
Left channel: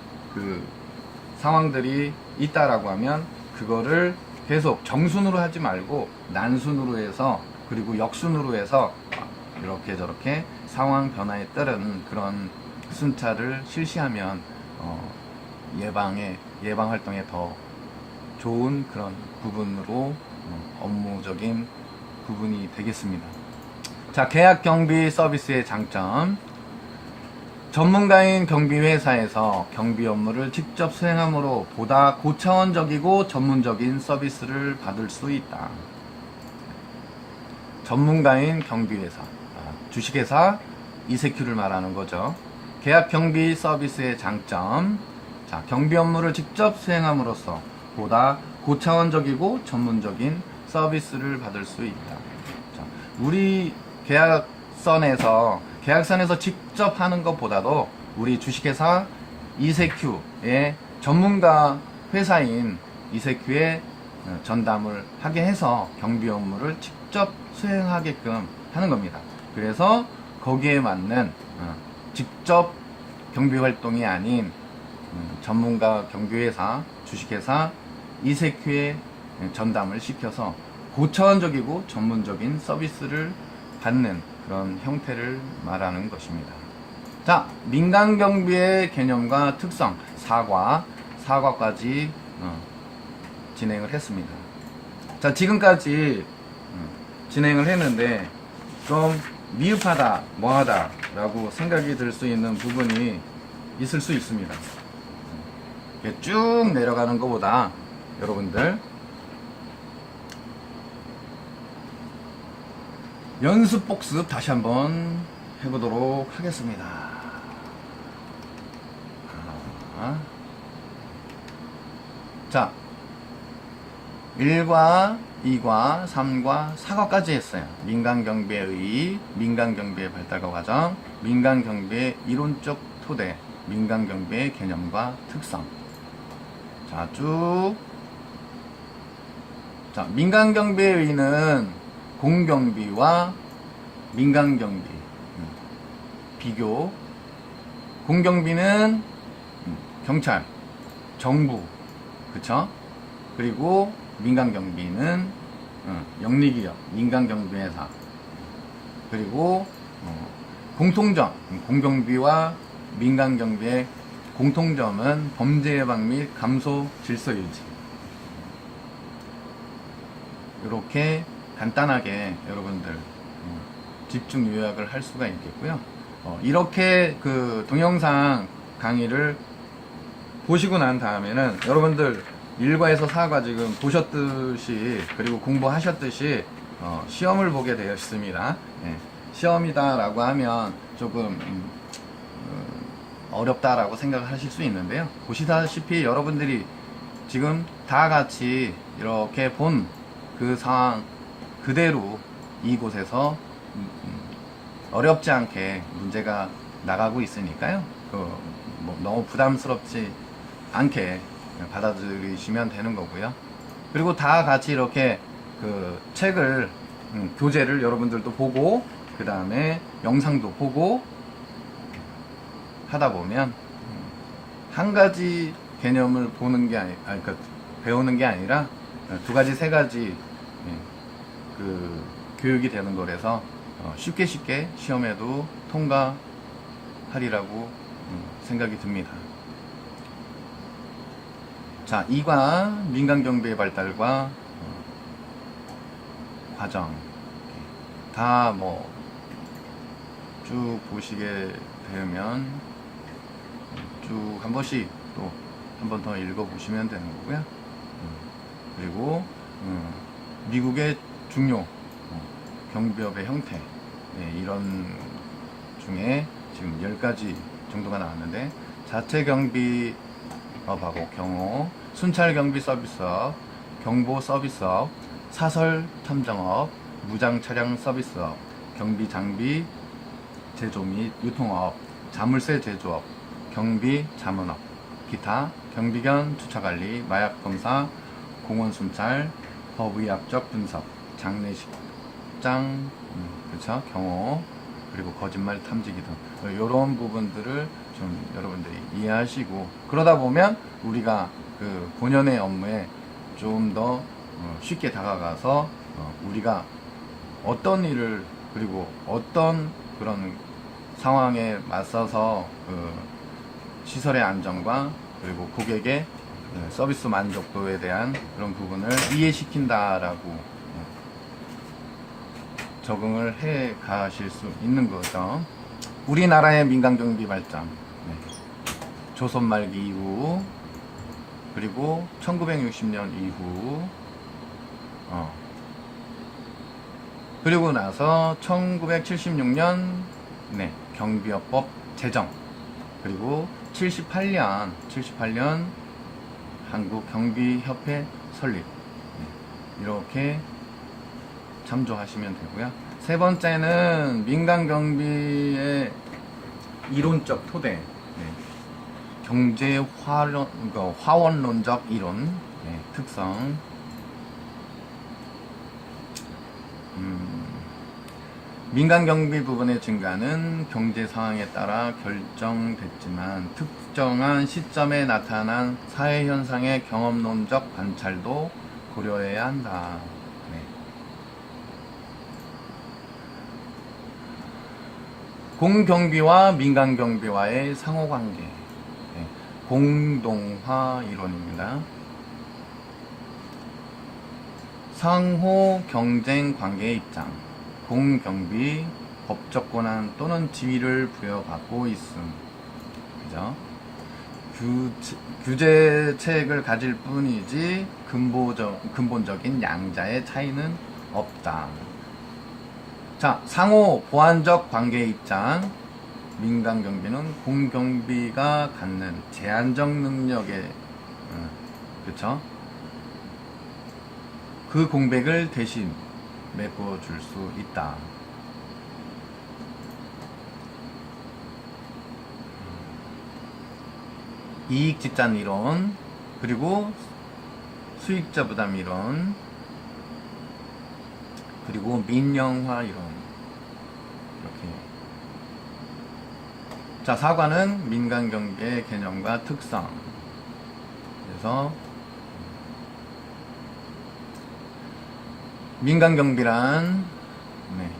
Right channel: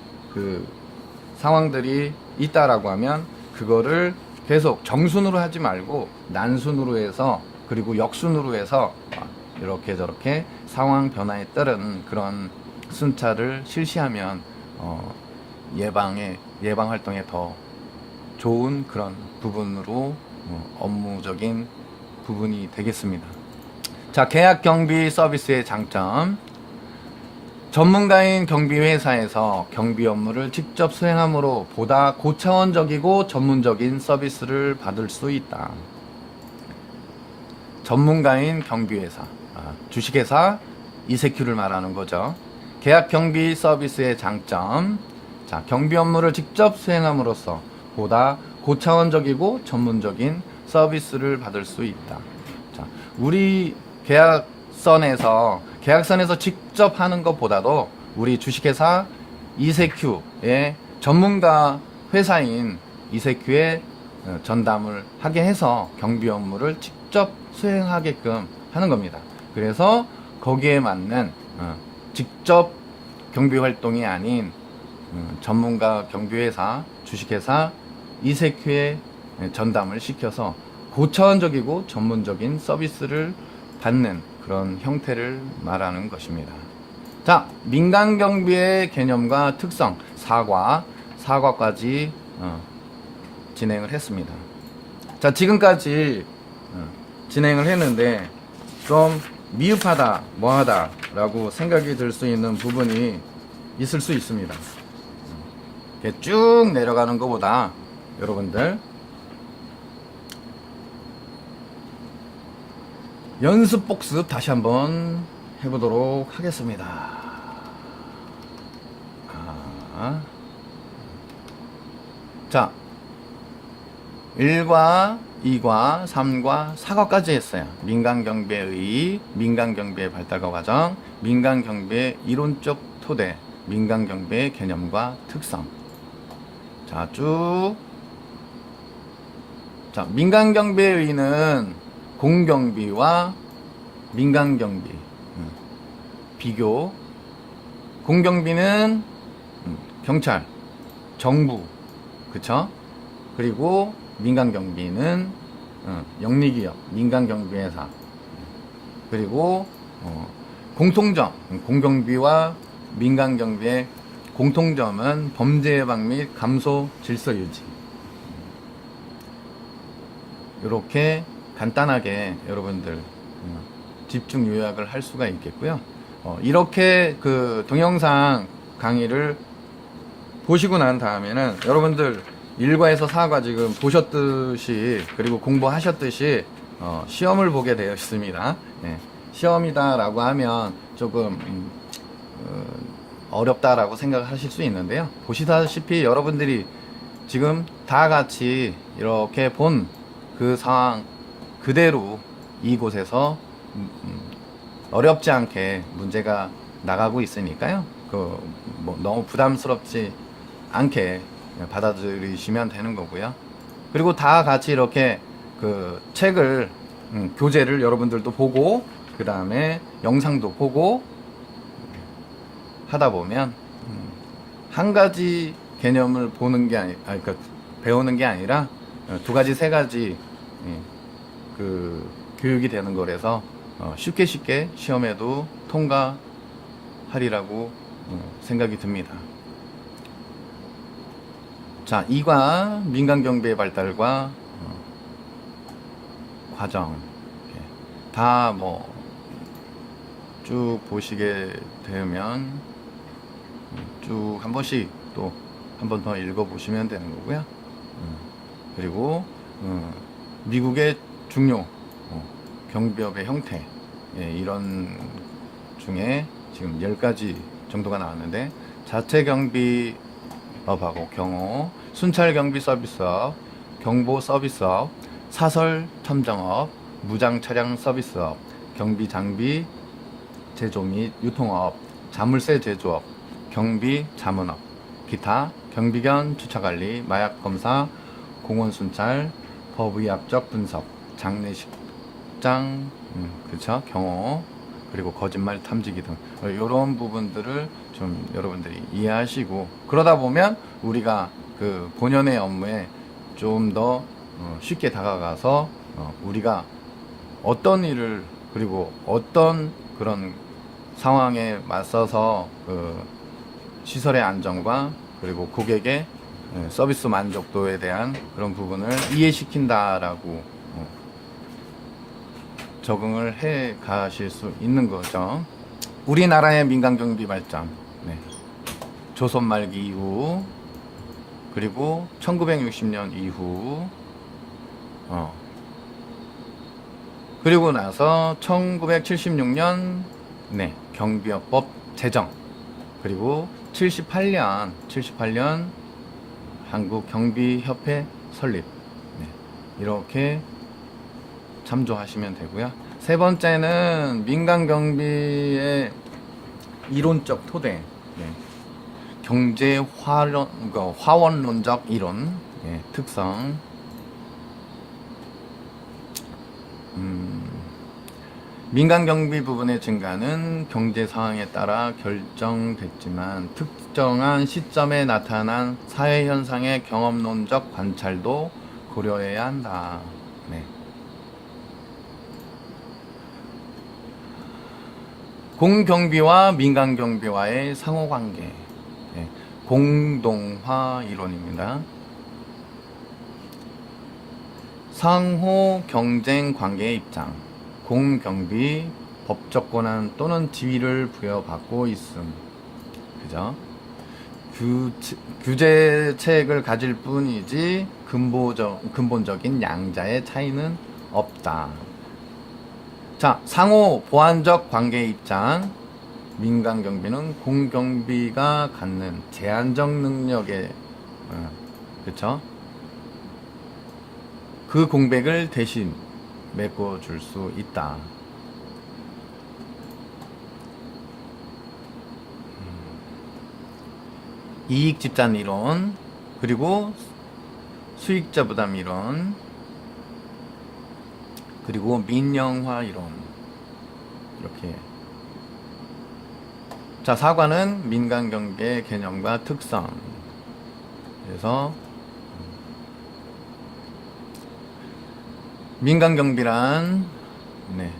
상황들이 있다라고 하면 그거를 계속 정순으로 하지 말고 난순으로 해서, 그리고 역순으로 해서 이렇게 저렇게 상황 변화에 따른 그런 순찰을 실시하면 예방 활동에 더 좋은 그런 부분으로 업무적인 부분이 되겠습니다. 자, 계약 경비 서비스의 장점. 전문가인 경비회사에서 경비 업무를 직접 수행함으로 보다 고차원적이고 전문적인 서비스를 받을 수 있다. 전문가인 경비회사, 주식회사 이세큐를 말하는 거죠. 계약 경비 서비스의 장점. 자, 경비 업무를 직접 수행함으로써 보다 고차원적이고 전문적인 서비스를 받을 수 있다. 자, 우리 계약선에서 직접 하는 것보다도 우리 주식회사 이세큐의 전문가 회사인 이세큐에 전담을 하게 해서 경비 업무를 직접 수행하게끔 하는 겁니다. 그래서 거기에 맞는 직접 경비 활동이 아닌 전문가 경비회사, 주식회사 이세큐에 전담을 시켜서 고차원적이고 전문적인 서비스를 받는 그런 형태를 말하는 것입니다. 자, 민간경비의 개념과 특성, 사과까지 진행을 했습니다. 자, 지금까지 진행을 했는데 좀 미흡하다, 뭐하다 라고 생각이 들 수 있는 부분이 있을 수 있습니다. 이렇게 쭉 내려가는 것보다 여러분들 연습 복습 다시 한번 해보도록 하겠습니다. 자, 1과 2과 3과 4과까지 했어요. 민간경비의 민간경비의 발달과 과정, 민간경비의 이론적 토대, 민간경비의 개념과 특성. 자, 쭉. 자, 민간경비의 의의는 공경비와 민간경비 비교. 공경비는 경찰, 정부, 그쵸? 그리고 민간경비는 영리기업, 민간경비회사. 그리고 공통점, 공경비와 민간경비의 공통점은 범죄 예방 및 감소 질서 유지. 이렇게 간단하게 여러분들 집중 요약을 할 수가 있겠고요. 이렇게 그 동영상 강의를 보시고 난 다음에는 여러분들 1과에서 4과 지금 보셨듯이 그리고 공부하셨듯이 시험을 보게 되었습니다. 예, 시험이다 라고 하면 조금 어렵다라고 생각하실 수 있는데요. 보시다시피 여러분들이 지금 다 같이 이렇게 본 그 상황 그대로 이곳에서 어렵지 않게 문제가 나가고 있으니까요. 뭐 너무 부담스럽지 않게 받아들이시면 되는 거고요. 그리고 다 같이 이렇게 그 책을 교재를 여러분들도 보고 그 다음에 영상도 보고 하다 보면 한 가지 개념을 보는 게 그러니까 배우는 게 아니라 두 가지 세 가지 그 교육이 되는 거라서 쉽게 시험에도 통과하리라고 생각이 듭니다. 자, 2과 민간경비의 발달과 과정 다 뭐 쭉 보시게 되면 쭉 한 번씩 또 한 번 더 읽어 보시면 되는 거고요. 그리고 미국의 중요 경비업의 형태 이런 중에 지금 10가지 정도가 나왔는데 자체 경비업하고 경호, 순찰 경비 서비스업, 경보 서비스업, 사설 탐정업, 무장 차량 서비스업, 경비 장비 제조 및 유통업, 자물쇠 제조업, 경비 자문업, 기타, 경비견 주차관리, 마약 검사, 공원 순찰, 법의학적 분석, 장례식장, 그쵸? 경호, 그리고 거짓말 탐지기 등 이런 부분들을 좀 여러분들이 이해하시고 그러다 보면 우리가 그 본연의 업무에 좀 더 쉽게 다가가서 우리가 어떤 일을 그리고 어떤 그런 상황에 맞서서 그 시설의 안정과 그리고 고객의 서비스 만족도에 대한 그런 부분을 이해시킨다라고 적응을 해 가실 수 있는 거죠. 우리나라의 민간경비 발전, 조선 말기 이후 그리고 1960년 이후 그리고 나서 1976년 경비업법 제정 그리고 78년 한국경비협회 설립 이렇게 참조하시면 되고요. 세 번째는 민간경비의 이론적 토대 경제 화원론적 이론, 예, 특성. 민간 경비 부분의 증가는 경제 상황에 따라 결정됐지만 특정한 시점에 나타난 사회 현상의 경험론적 관찰도 고려해야 한다. 네. 공경비와 민간 경비와의 상호관계, 네. 공동화 이론입니다. 상호 경쟁 관계의 입장. 공경비 법적 권한 또는 지위를 부여받고 있음. 그죠? 규제책을 가질 뿐이지 근본적인 양자의 차이는 없다. 자, 상호 보완적 관계의 입장. 민간 경비는 공경비가 갖는 제한적 능력에, 그쵸? 그 공백을 대신 메꿔줄 수 있다. 이익 집단 이론, 그리고 수익자 부담 이론, 그리고 민영화 이론. 이렇게. 자, 4과는 민간 경비의 개념과 특성. 그래서 민간 경비란, 네,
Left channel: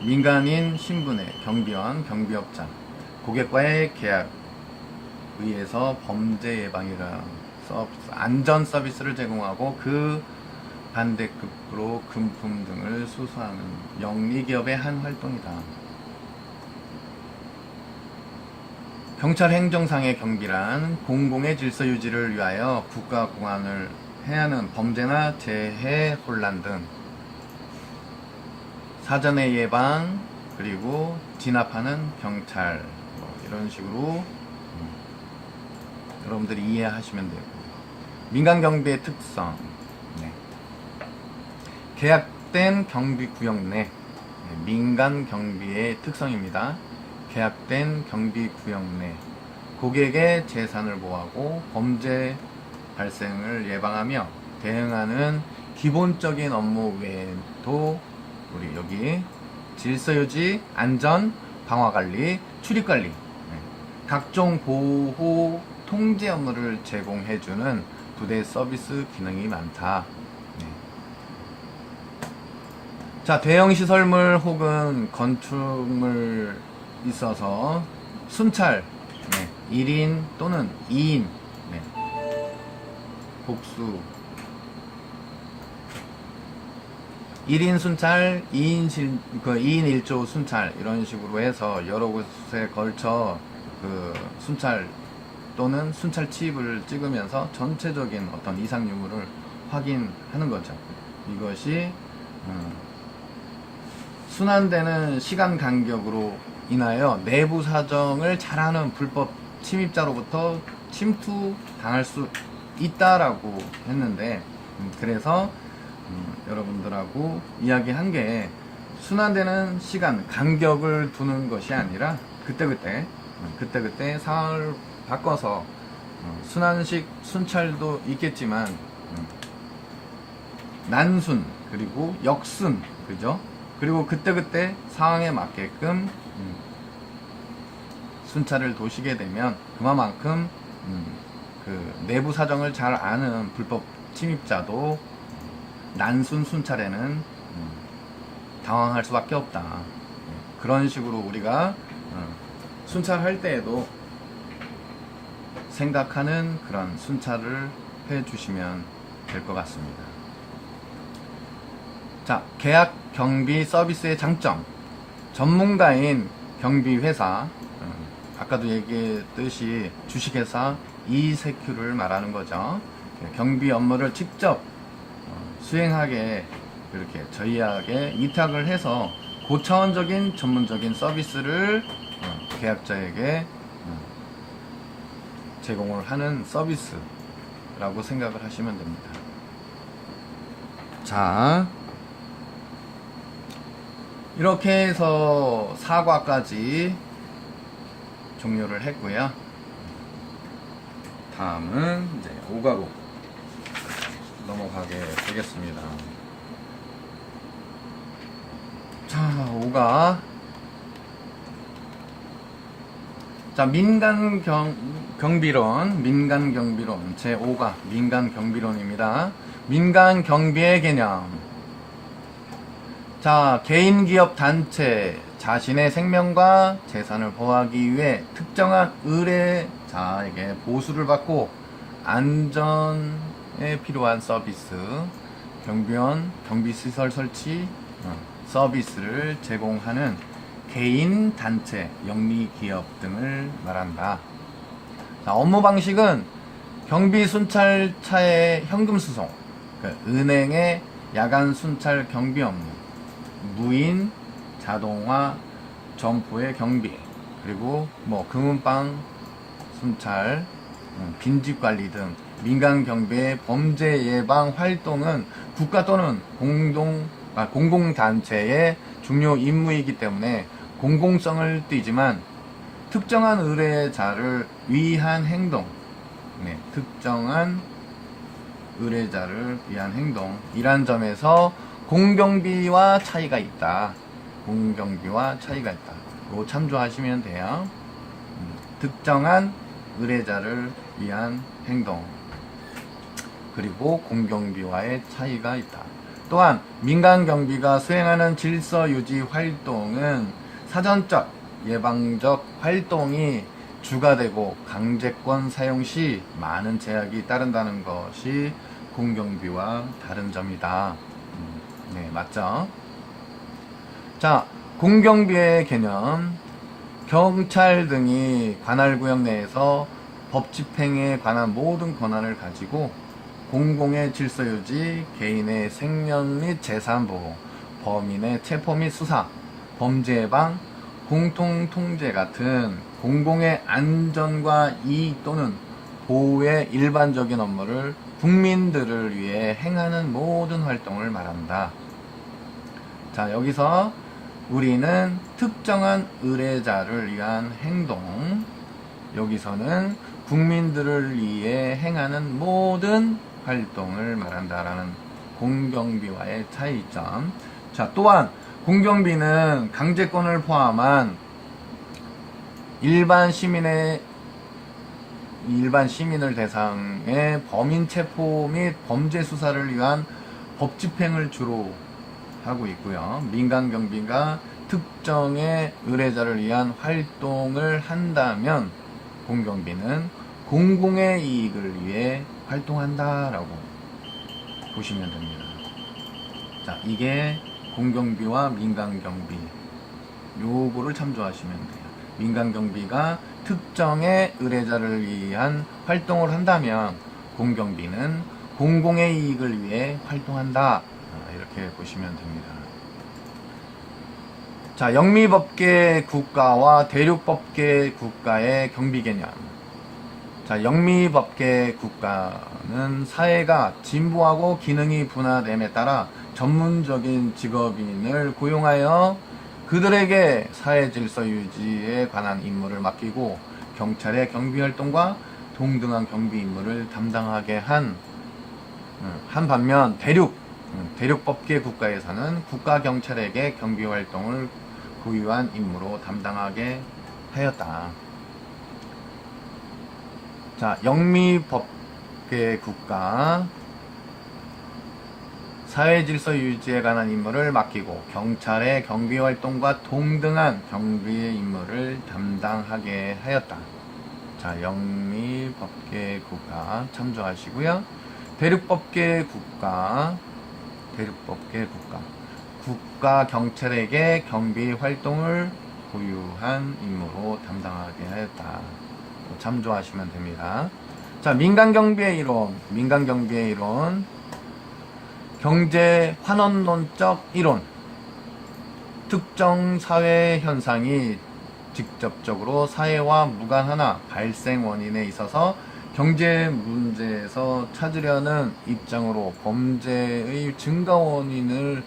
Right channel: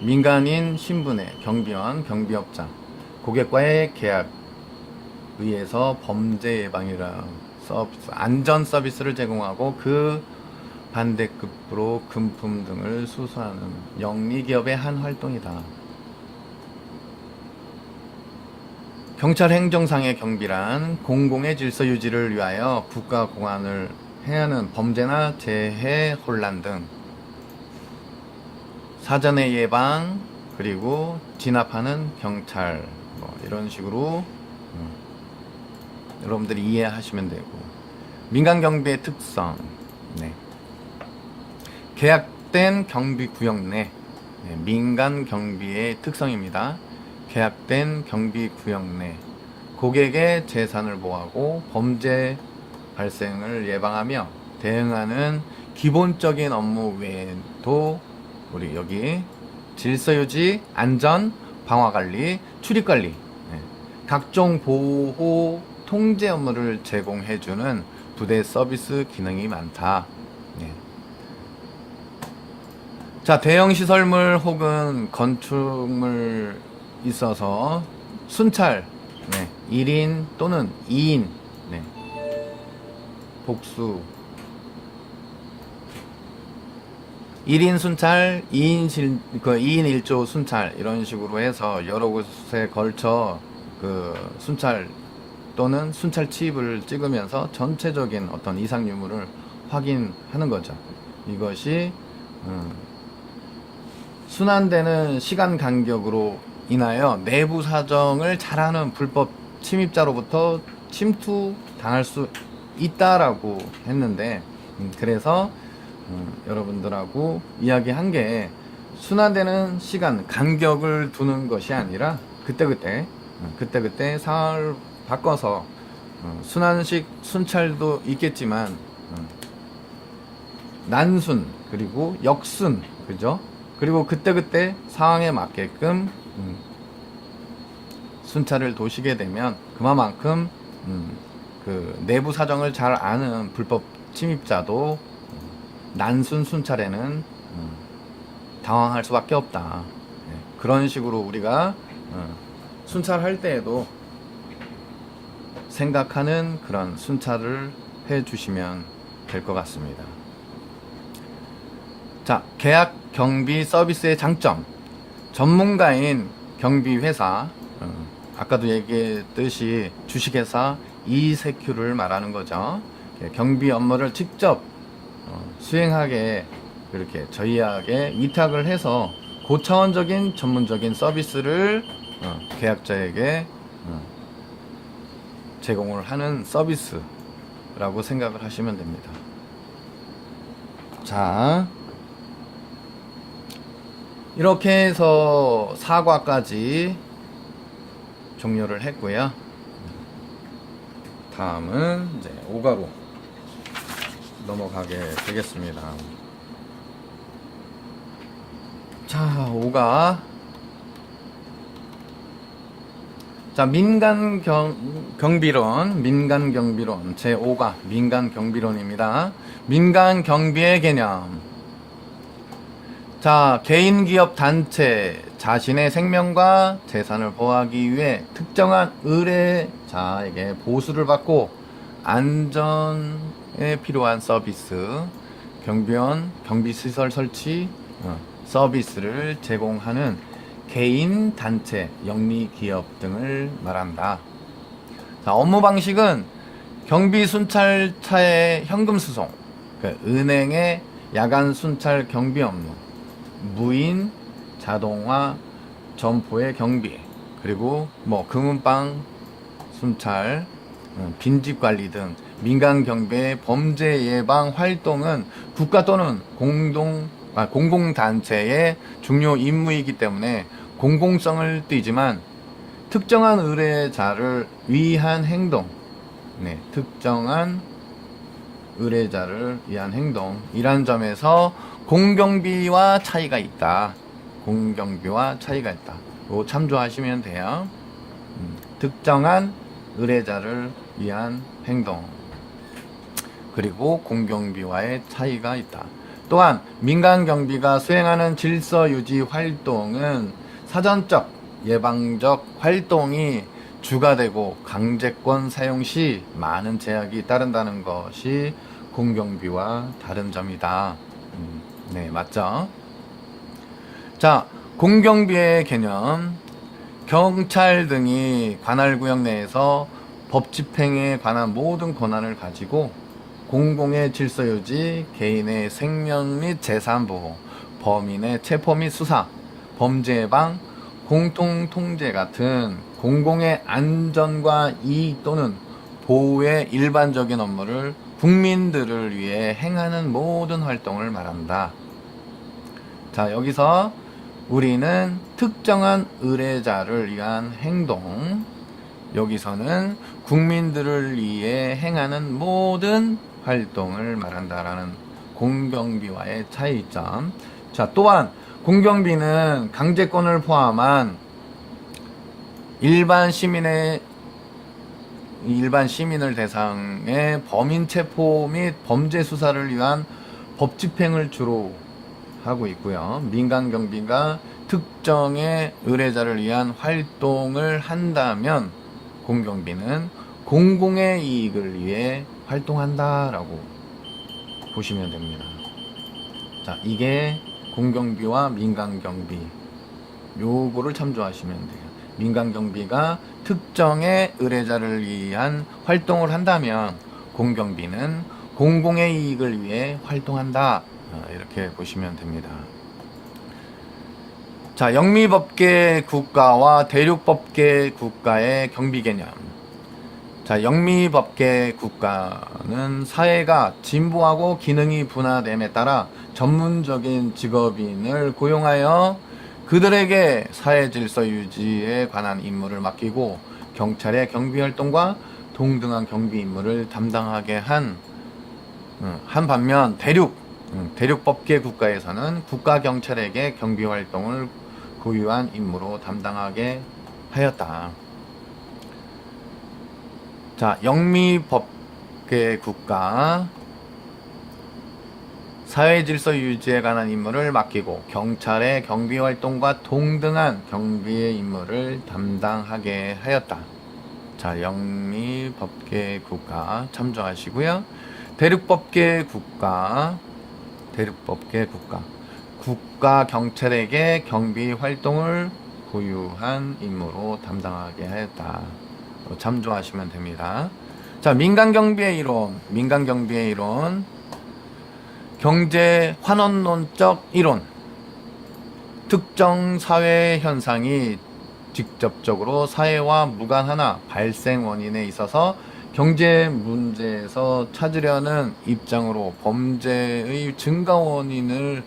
민간인 신분의 경비원, 경비업자, 고객과의 계약 의해서 범죄 예방이라는 서비스, 안전 서비스를 제공하고 그 반대급으로 금품 등을 수수하는 영리기업의 한 활동이다. 경찰 행정상의 경비란 공공의 질서 유지를 위하여 국가 공안을 해하는 범죄나 재해 혼란 등 사전의 예방, 그리고 진압하는 경찰, 뭐 이런 식으로 여러분들이 이해하시면 되고. 민간 경비의 특성, 네. 계약된 경비 구역 내, 네, 민간 경비의 특성입니다. 계약된 경비 구역 내 고객의 재산을 보호하고 범죄 발생을 예방하며 대응하는 기본적인 업무 외에도 우리 여기 질서유지, 안전, 방화관리, 출입관리, 네, 각종 보호, 통제 업무를 제공해주는 부대 서비스 기능이 많다. 네. 자, 대형 시설물 혹은 건축물 있어서 순찰, 네, 1인 또는 2인, 네, 복수 1인 순찰, 2인 1조 순찰 이런 식으로 해서 여러 곳에 걸쳐 그 순찰 또는 순찰 칩을 찍으면서 전체적인 어떤 이상 유무를 확인하는 거죠. 이것이 순환되는 시간 간격으로 인하여 내부 사정을 잘하는 불법 침입자로부터 침투 당할 수 있다라고 했는데, 그래서 여러분들하고 이야기한 게 순환되는 시간 간격을 두는 것이 아니라 그때그때 상황을 바꿔서 순환식 순찰도 있겠지만 난순 그리고 역순, 그죠? 그리고 그때그때 상황에 맞게끔 순찰을 도시게 되면 그만큼 그 내부 사정을 잘 아는 불법 침입자도 난순 순찰에는 당황할 수밖에 없다. 네, 그런 식으로 우리가 순찰할 때에도 생각하는 그런 순찰을 해 주시면 될 것 같습니다. 자, 계약 경비 서비스의 장점. 전문가인 경비회사, 아까도 얘기했듯이 주식회사 이세큐를 말하는 거죠. 경비 업무를 직접 수행하게 그렇게 저희에게 위탁을 해서 고차원적인 전문적인 서비스를 계약자에게 제공을 하는 서비스라고 생각을 하시면 됩니다. 자, 이렇게 해서 4과까지 종료를 했고요. 다음은 이제 5가로 넘어가게 되겠습니다. 자, 5가. 자, 민간경비론 제5가 민간경비론입니다. 민간경비의 개념. 자, 개인, 기업, 단체 자신의 생명과 재산을 보호하기 위해 특정한 의뢰자에게 보수를 받고 안전에 필요한 서비스, 경비원, 경비시설 설치, 서비스를 제공하는 개인, 단체, 영리 기업 등을 말한다. 자, 업무 방식은 경비 순찰차의 현금 수송, 은행의 야간 순찰 경비 업무, 무인 자동화 점포의 경비, 그리고 금은방 순찰, 빈집 관리 등 민간 경비의 범죄 예방 활동은 국가 또는 공공단체의 중요 임무이기 때문에 공공성을 띠지만 특정한 의뢰자를 위한 행동, 특정한 의뢰자를 위한 행동이란 점에서 공경비와 차이가 있다. 이거 참조하시면 돼요. 특정한 의뢰자를 위한 행동, 그리고 공경비와의 차이가 있다. 또한 민간경비가 수행하는 질서유지 활동은 사전적 예방적 활동이 주가 되고 강제권 사용 시 많은 제약이 따른다는 것이 공경비와 다른 점이다. 네, 맞죠? 자, 공경비의 개념. 경찰 등이 관할구역 내에서 법 집행에 관한 모든 권한을 가지고 공공의 질서유지, 개인의 생명 및 재산 보호, 범인의 체포 및 수사, 범죄 예방, 공통통제 같은 공공의 안전과 이익 또는 보호의 일반적인 업무를 국민들을 위해 행하는 모든 활동을 말한다. 자, 여기서 우리는 특정한 의뢰자를 위한 행동, 여기서는 국민들을 위해 행하는 모든 활동을 말한다라는 공경비와의 차이점. 자, 또한 공경비는 강제권을 포함한 일반 시민을 대상의 범인 체포 및 범죄 수사를 위한 법 집행을 주로 하고 있고요. 민간 경비가 특정의 의뢰자를 위한 활동을 한다면 공경비는 공공의 이익을 위해 활동한다라고 보시면 됩니다. 자, 이게 공경비와 민간경비, 요거를 참조하시면 돼요. 민간경비가 특정의 의뢰자를 위한 활동을 한다면 공경비는 공공의 이익을 위해 활동한다, 이렇게 보시면 됩니다. 자, 영미법계 국가와 대륙법계 국가의 경비 개념. 자, 영미법계 국가는 사회가 진보하고 기능이 분화됨에 따라 전문적인 직업인을 고용하여 그들에게 사회 질서 유지에 관한 임무를 맡기고 경찰의 경비 활동과 동등한 경비 임무를 담당하게 한 반면 대륙법계 국가에서는 국가 경찰에게 경비 활동을 고유한 임무로 담당하게 하였다. 자, 영미법계 국가, 사회 질서 유지에 관한 임무를 맡기고 경찰의 경비 활동과 동등한 경비의 임무를 담당하게 하였다. 자, 영미법계 국가 참조하시고요. 대륙법계 국가, 국가 경찰에게 경비 활동을 고유한 임무로 담당하게 하였다. 참조하시면 됩니다. 자, 민간경비의 이론, 경제 환원론적 이론. 특정 사회 현상이 직접적으로 사회와 무관하나 발생 원인에 있어서 경제 문제에서 찾으려는 입장으로 범죄의 증가 원인을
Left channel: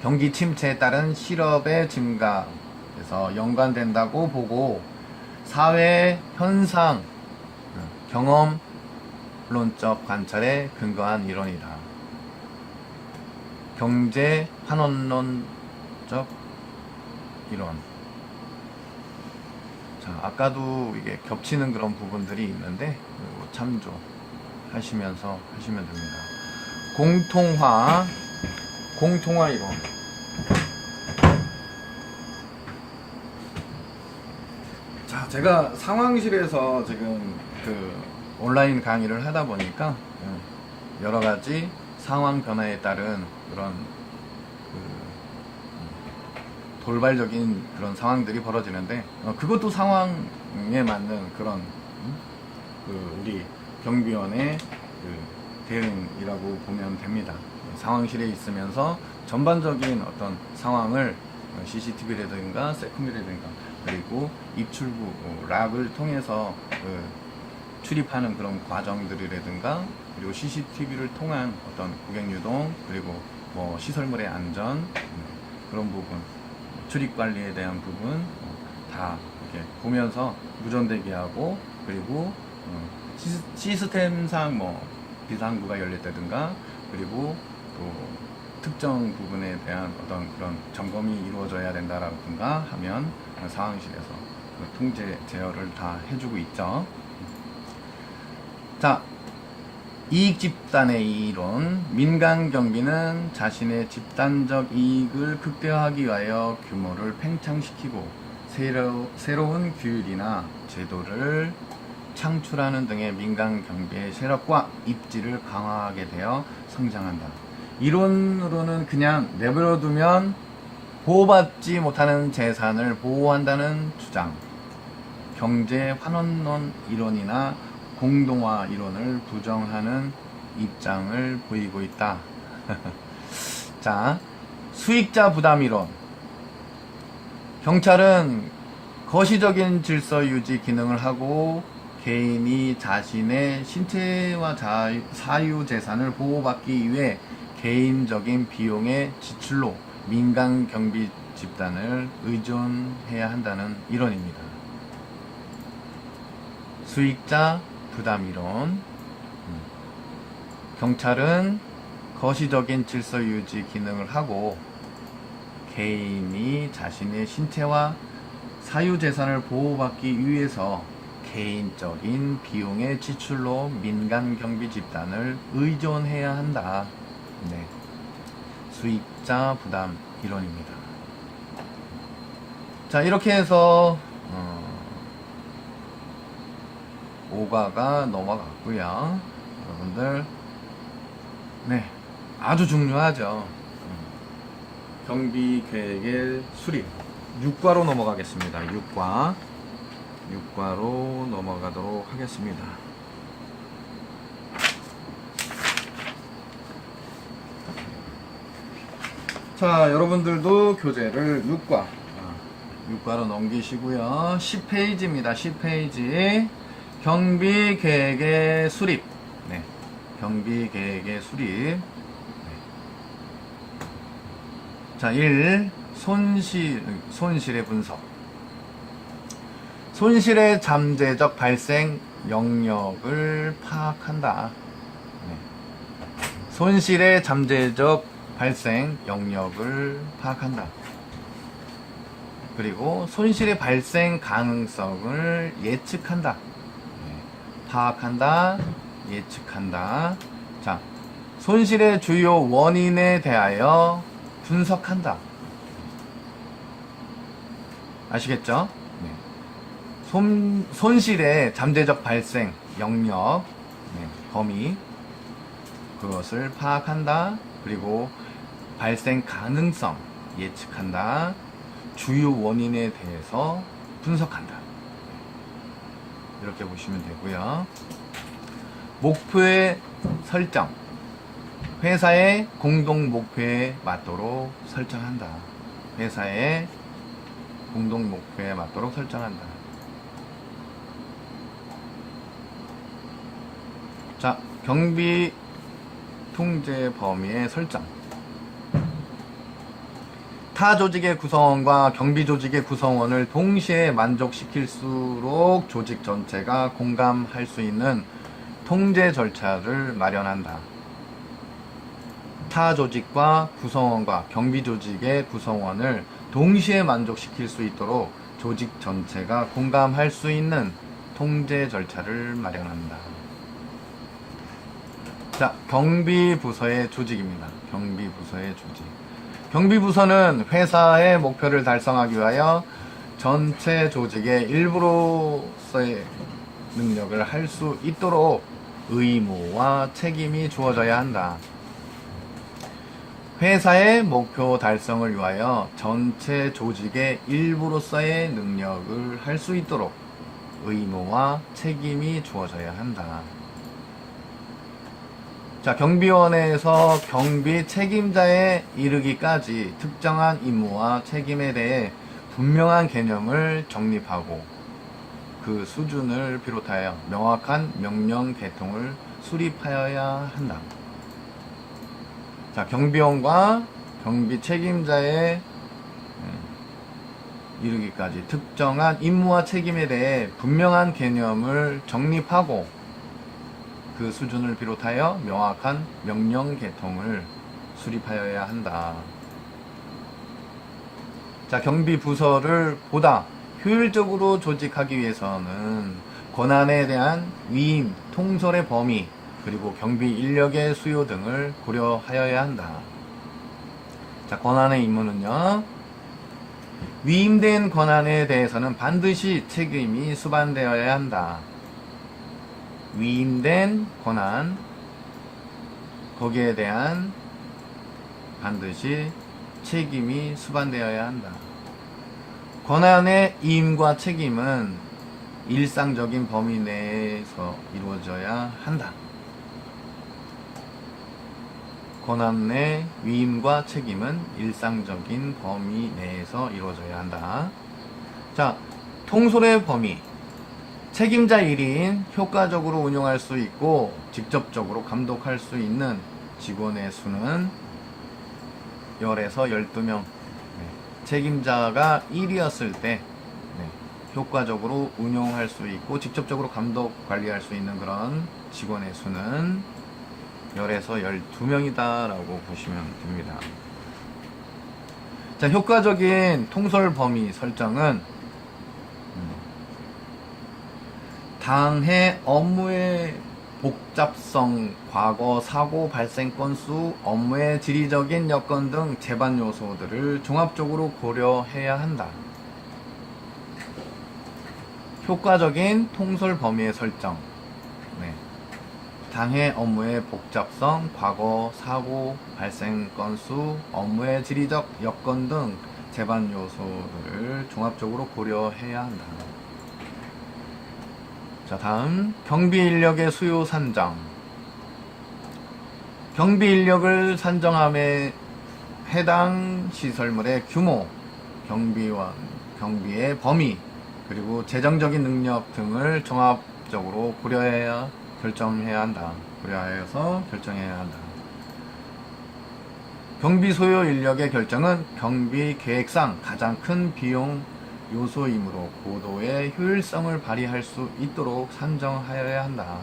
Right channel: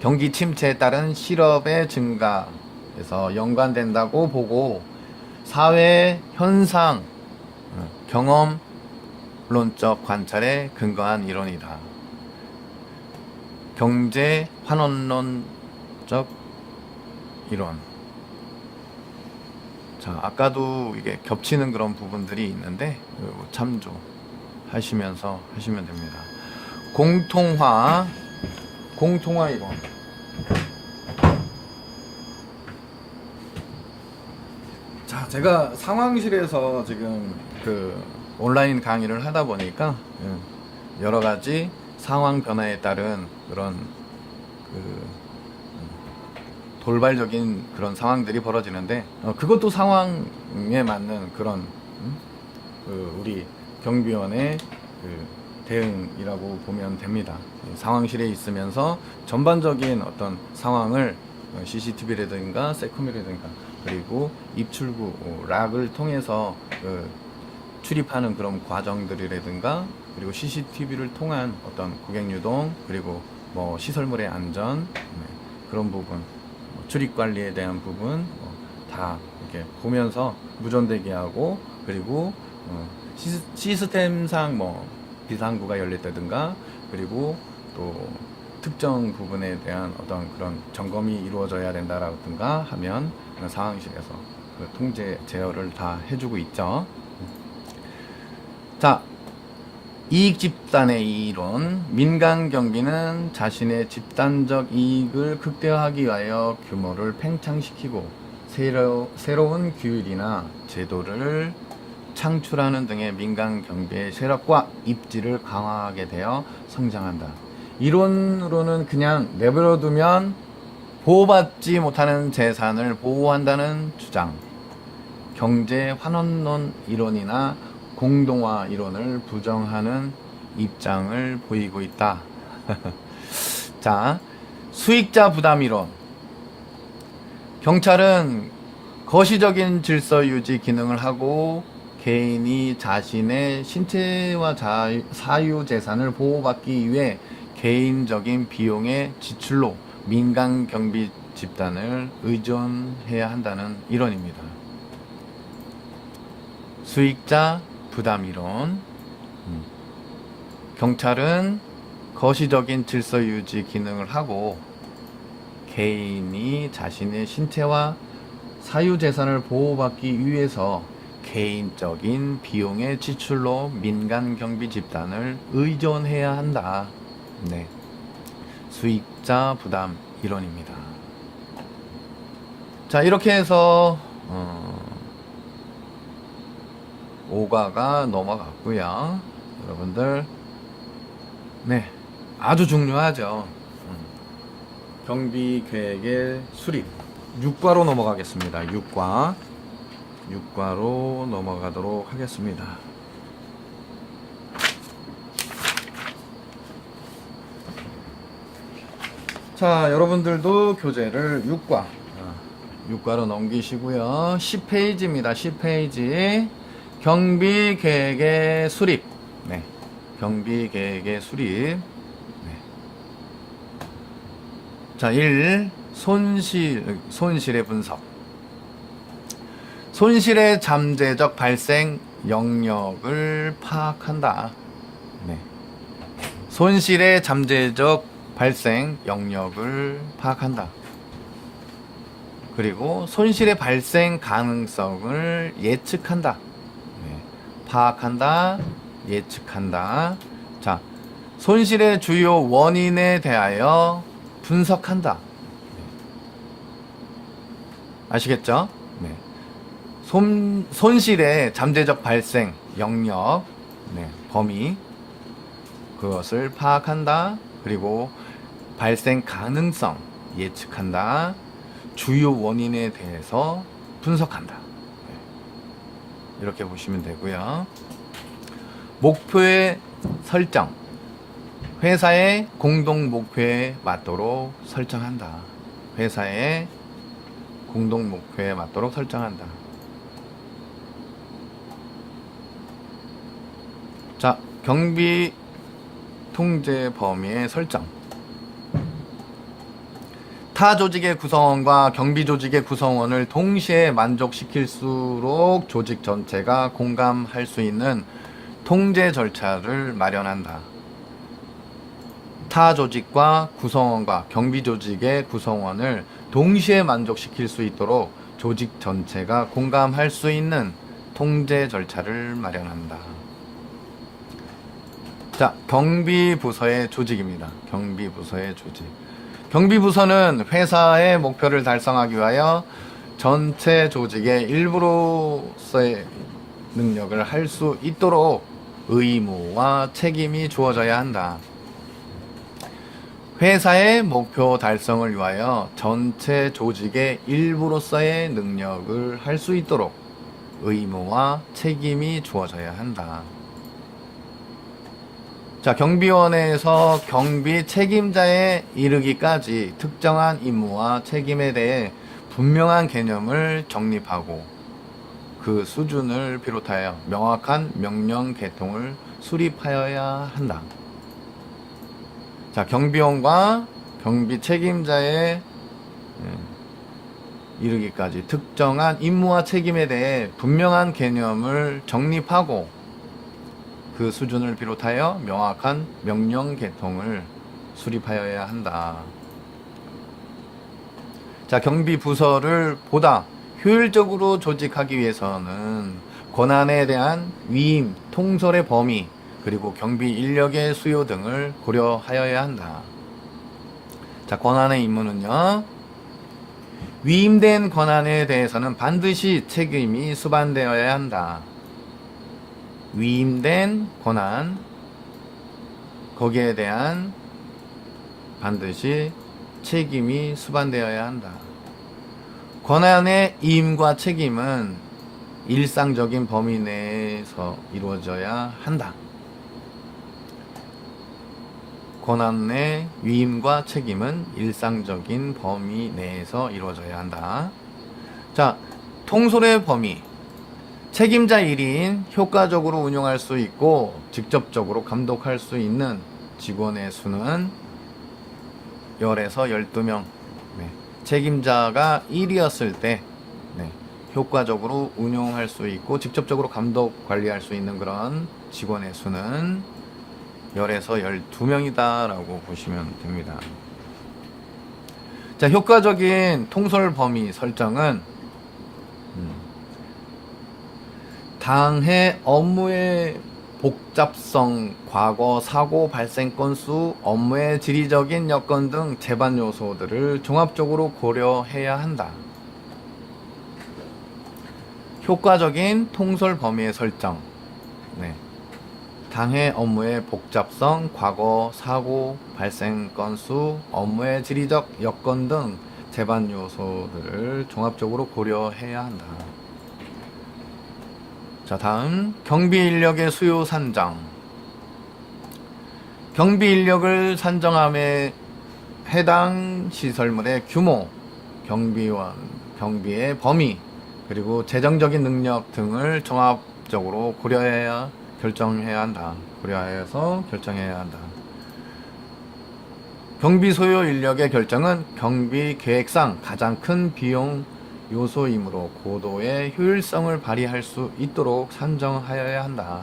경기 침체에 따른 실업의 증가에서 연관된다고 보고 사회 현상, 경험론적 관찰에 근거한 이론이다. 경제 환원론적 이론. 자, 아까도 이게 겹치는 그런 부분들이 있는데 참조하시면서 하시면 됩니다. 공통화 이론. 자, 제가 상황실에서 지금 온라인 강의를 하다 보니까 여러 가지 상황 변화에 따른 그런 돌발적인 그런 상황들이 벌어지는데 그것도 상황에 맞는 그런 우리 경비원의 대응이라고 보면 됩니다. 상황실에 있으면서 전반적인 어떤 상황을 CCTV라든가 세컴이라든가 그리고 입출구 락을 통해서 출입하는 그런 과정들이라든가 그리고 CCTV를 통한 어떤 고객 유동 그리고 뭐 시설물의 안전 그런 부분 출입 관리에 대한 부분 다 이렇게 보면서 무전대기하고 그리고 시스템상 뭐 비상구가 열렸다든가 그리고 또 특정 부분에 대한 어떤 그런 점검이 이루어져야 된다라든가 하면 상황실에서 통제 제어를 다 해주고 있죠. 자, 이익 집단의 이론. 민간 경비는 자신의 집단적 이익을 극대화하기 위하여 규모를 팽창시키고 새로운 규율이나 제도를 창출하는 등의 민간 경비의 세력과 입지를 강화하게 되어 성장한다. 이론으로는 그냥 내버려두면 보호받지 못하는 재산을 보호한다는 주장, 경제 환원론 이론이나 공동화 이론을 부정하는 입장을 보이고 있다. 자, 수익자 부담 이론. 경찰은 거시적인 질서 유지 기능을 하고 개인이 자신의 신체와 사유 재산을 보호받기 위해 개인적인 비용의 지출로 민간 경비 집단을 의존해야 한다는 이론입니다. 수익자 부담 이론. 경찰은 거시적인 질서 유지 기능을 하고 개인이 자신의 신체와 사유 재산을 보호받기 위해서 개인적인 비용의 지출로 민간 경비 집단을 의존해야 한다. 네. 수익자 부담 이론입니다. 자, 이렇게 해서 5과가 넘어갔고요. 여러분들, 네, 아주 중요하죠. 경비 계획의 수립. 6과로 넘어가겠습니다. 6과로 넘어가도록 하겠습니다. 자, 여러분들도 교재를 6과로 넘기시고요. 10페이지입니다. 10페이지. 경비 계획의 수립. 네. 경비 계획의 수립. 네. 자, 1. 손실의 분석. 손실의 잠재적 발생 영역을 파악한다. 네. 손실의 잠재적 발생 영역을 파악한다. 그리고 손실의 발생 가능성을 예측한다. 네. 파악한다, 예측한다. 자, 손실의 주요 원인에 대하여 분석한다. 아시겠죠? 네. 손실의 잠재적 발생 영역, 네, 범위, 그것을 파악한다. 그리고 발생 가능성 예측한다. 주요 원인에 대해서 분석한다. 이렇게 보시면 되고요. 목표의 설정. 회사의 공동 목표에 맞도록 설정한다. 회사의 공동 목표에 맞도록 설정한다. 자, 경비 통제 범위의 설정. 타 조직의 구성원과 경비 조직의 구성원을 동시에 만족시킬수록 조직 전체가 공감할 수 있는 통제 절차를 마련한다. 타 조직과 구성원과 경비 조직의 구성원을 동시에 만족시킬 수 있도록 조직 전체가 공감할 수 있는 통제 절차를 마련한다. 자, 경비부서의 조직입니다. 경비부서의 조직. 경비부서는 회사의 목표를 달성하기 위하여 전체 조직의 일부로서의 능력을 할 수 있도록 의무와 책임이 주어져야 한다. 회사의 목표 달성을 위하여 전체 조직의 일부로서의 능력을 할 수 있도록 의무와 책임이 주어져야 한다. 자, 경비원에서 경비 책임자에 이르기까지 특정한 임무와 책임에 대해 분명한 개념을 정립하고 그 수준을 비롯하여 명확한 명령 계통을 수립하여야 한다. 자, 경비원과 경비 책임자에 이르기까지 특정한 임무와 책임에 대해 분명한 개념을 정립하고 그 수준을 비롯하여 명확한 명령 계통을 수립하여야 한다. 자, 경비 부서를 보다 효율적으로 조직하기 위해서는 권한에 대한 위임, 통솔의 범위, 그리고 경비 인력의 수요 등을 고려하여야 한다. 자, 권한의 임무는요. 위임된 권한에 대해서는 반드시 책임이 수반되어야 한다. 위임된 권한, 거기에 대한 반드시 책임이 수반되어야 한다. 권한의 임과 책임은 일상적인 범위 내에서 이루어져야 한다. 권한의 위임과 책임은 일상적인 범위 내에서 이루어져야 한다. 자, 통솔의 범위. 책임자 1인 효과적으로 운용할 수 있고 직접적으로 감독할 수 있는 직원의 수는 10에서 12명. 책임자가 1이었을 때 효과적으로 운용할 수 있고 직접적으로 감독 관리할 수 있는 그런 직원의 수는 10에서 12명이다 라고 보시면 됩니다. 자, 효과적인 통솔 범위 설정은 당해 업무의 복잡성, 과거 사고 발생 건수, 업무의 지리적인 여건 등 제반 요소들을 종합적으로 고려해야 한다. 효과적인 통솔 범위의 설정. 당해 업무의 복잡성, 과거 사고 발생 건수, 업무의 지리적 여건 등 제반 요소들을 종합적으로 고려해야 한다. 자, 다음 경비 인력의 수요 산정. 경비 인력을 산정함에 해당 시설물의 규모, 경비원, 경비의 범위, 그리고 재정적인 능력 등을 종합적으로 고려해야 결정해야 한다. 고려하여서 결정해야 한다. 경비 소요 인력의 결정은 경비 계획상 가장 큰 비용 요소이므로 고도의 효율성을 발휘할 수 있도록 산정하여야 한다.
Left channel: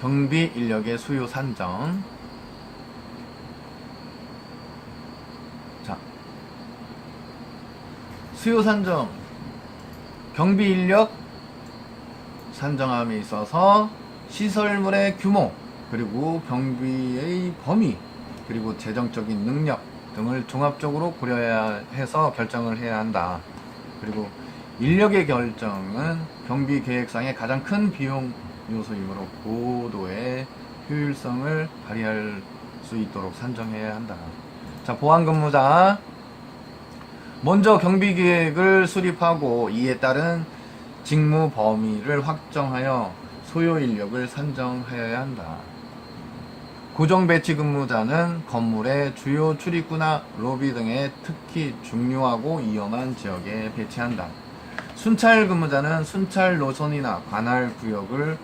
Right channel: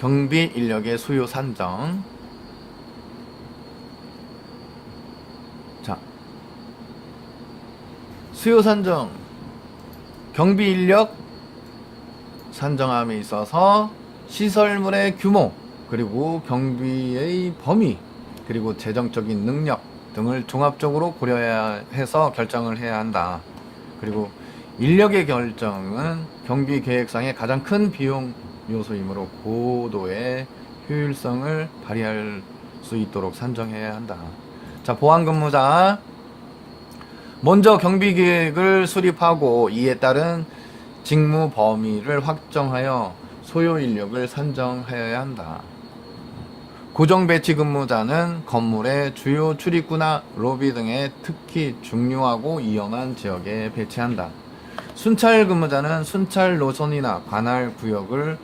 경비 인력의 수요 산정. 자, 수요 산정. 경비 인력 산정함에 있어서 시설물의 규모, 그리고 경비의 범위, 그리고 재정적인 능력 등을 종합적으로 고려해서 결정을 해야 한다. 그리고 인력의 결정은 경비 계획상의 가장 큰 비용 요소이므로 고도의 효율성을 발휘할 수 있도록 산정해야 한다. 자, 보안근무자. 먼저 경비 계획을 수립하고 이에 따른 직무 범위를 확정하여 소요 인력을 산정하여야 한다. 고정 배치 근무자는 건물의 주요 출입구나 로비 등의 특히 중요하고 위험한 지역에 배치한다. 순찰 근무자는 순찰 노선이나 관할 구역을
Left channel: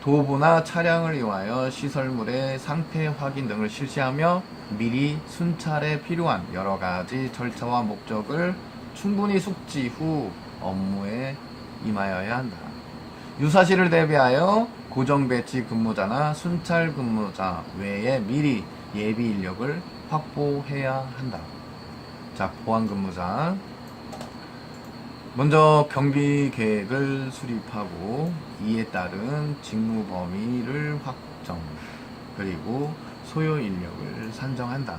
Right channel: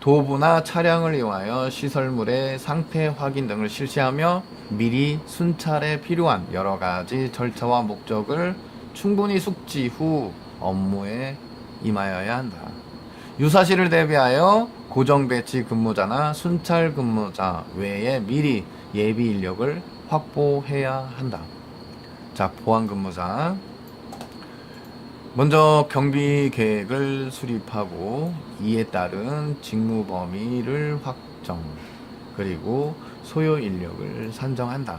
도구나 차량을 이용하여 시설물의 상태 확인 등을 실시하며 미리 순찰에 필요한 여러 가지 절차와 목적을 충분히 숙지 후 업무에 임하여야 한다. 유사시를 대비하여 고정 배치 근무자나 순찰 근무자 외에 미리 예비 인력을 확보해야 한다. 자, 보안 근무자. 먼저 경비 계획을 수립하고 이에 따른 직무 범위를 확정, 그리고 소요 인력을 산정한다.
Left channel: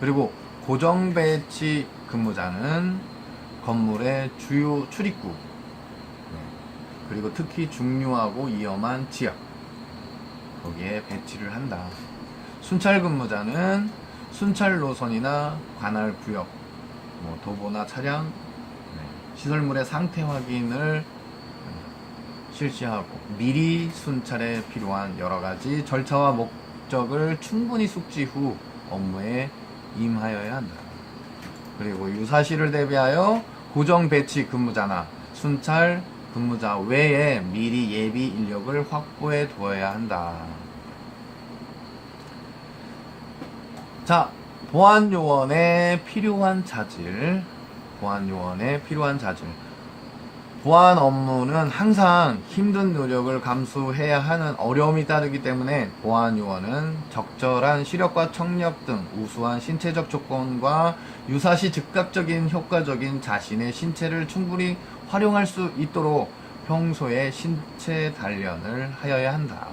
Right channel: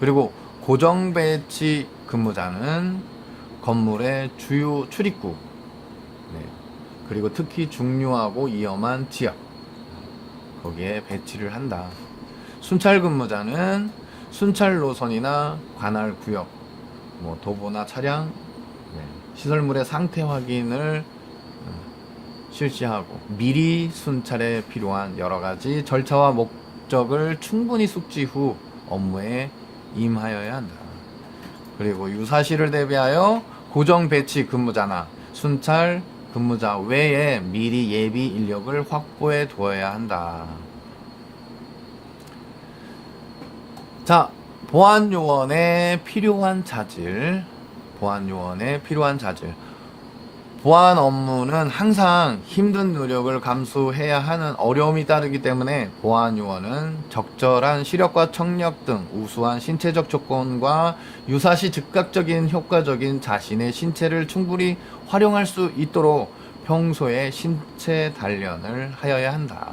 그리고 고정 배치 근무자는 건물의 주요 출입구, 네, 그리고 특히 중요하고 위험한 지역, 거기에 배치를 한다. 순찰 근무자는 순찰 노선이나 관할 구역, 도보나 차량, 시설물의 상태 확인을 실시하고 미리 순찰에 필요한 여러 가지 절차와 목적을 충분히 숙지 후 업무에 임하여야 한다. 그리고 유사시를 대비하여 고정 배치 근무자나 순찰 근무자 외에 미리 예비 인력을 확보해 두어야 한다. 자, 보안 요원에 필요한 자질. 보안 업무는 항상 힘든 노력을 감수해야 하는 어려움이 따르기 때문에 보안 요원은 적절한 시력과 청력 등 우수한 신체적 조건과 유사시 즉각적인 효과적인 자신의 신체를 충분히 활용할 수 있도록 평소에 신체 단련을 하여야 한다.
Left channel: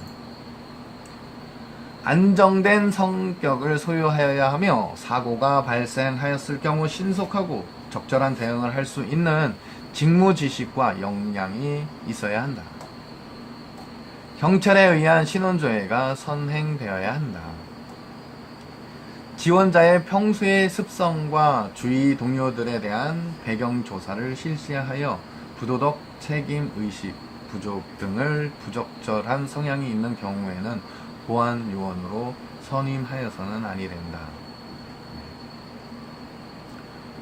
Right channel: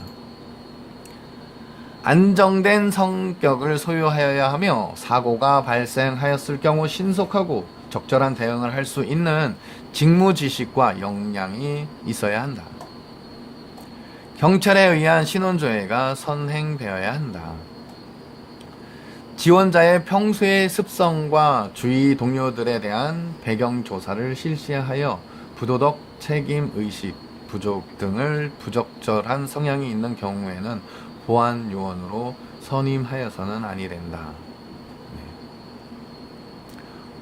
안정된 성격을 소유하여야 하며 사고가 발생하였을 경우 신속하고 적절한 대응을 할 수 있는 직무 지식과 역량이 있어야 한다. 경찰에 의한 신원조회가 선행되어야 한다. 지원자의 평소의 습성과 주위 동료들에 대한 배경 조사를 실시하여 부도덕, 책임 의식, 부족 등을 부적절한 성향이 있는 경우에는 보안 요원으로 선임하여서는 아니 된다.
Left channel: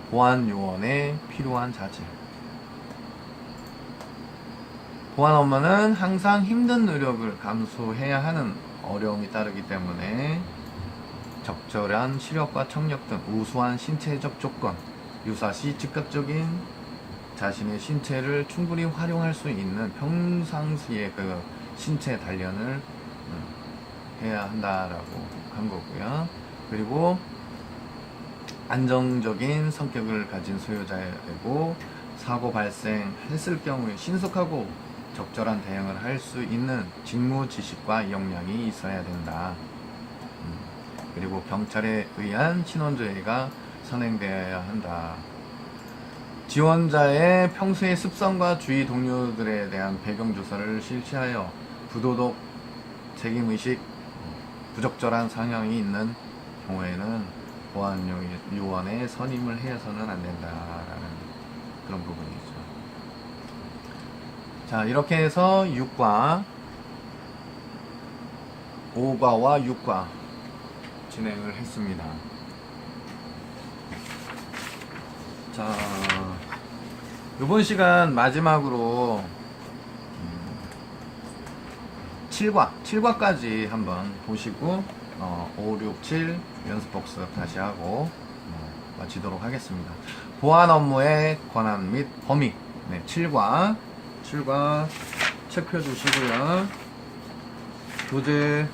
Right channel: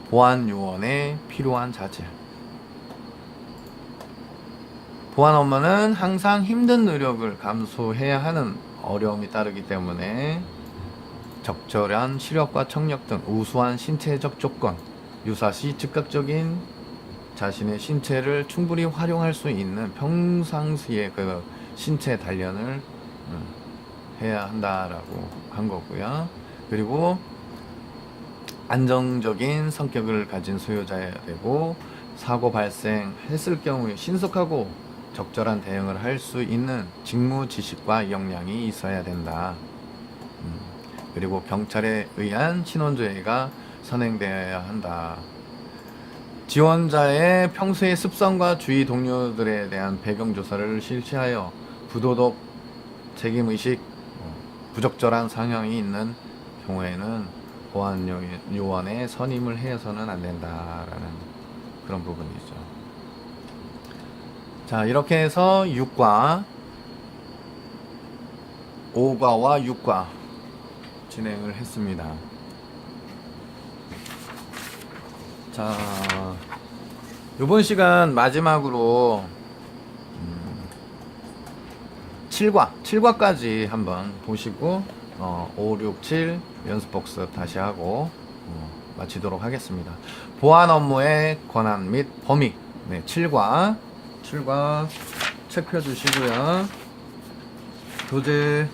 보안 요원에 필요한 자질. 보안 업무는 항상 힘든 노력을 감수해야 하는 어려움이 따르기 때문에 적절한 시력과 청력 등 우수한 신체적 조건, 유사시 즉각적인 자신의 신체를 충분히 활용할 수 있는 평상시의 그 신체 단련을 해야 한다라고 한 거고요. 그리고 안정적인 성격을 가진 소유자야 되고 사고 발생했을 경우에 신속하고 적절한 대응을 할 수 있는 직무 지식과 역량이 있어야 된다. 그리고 경찰에 의한 신원조회가 선행되어야 한다. 지원자의 평소의 습성과 주위 동료들에 대한 배경조사를 실시하여 부도덕, 책임의식, 부적절한 성향이 있는 경우에는 보안 요원에 선임을 해서는 안 된다라는 그런 부분이죠. 자, 이렇게 해서 6과 5과와 6과 진행을 했습니다. 자, 이번 시간 마지막으로 7과까지 한번 보시고 5, 6, 7 연습 복습 다시 하고 마치도록 하겠습니다. 보안 업무의 권한 및 범위. 네, 7과 체크해 주시고요. 교재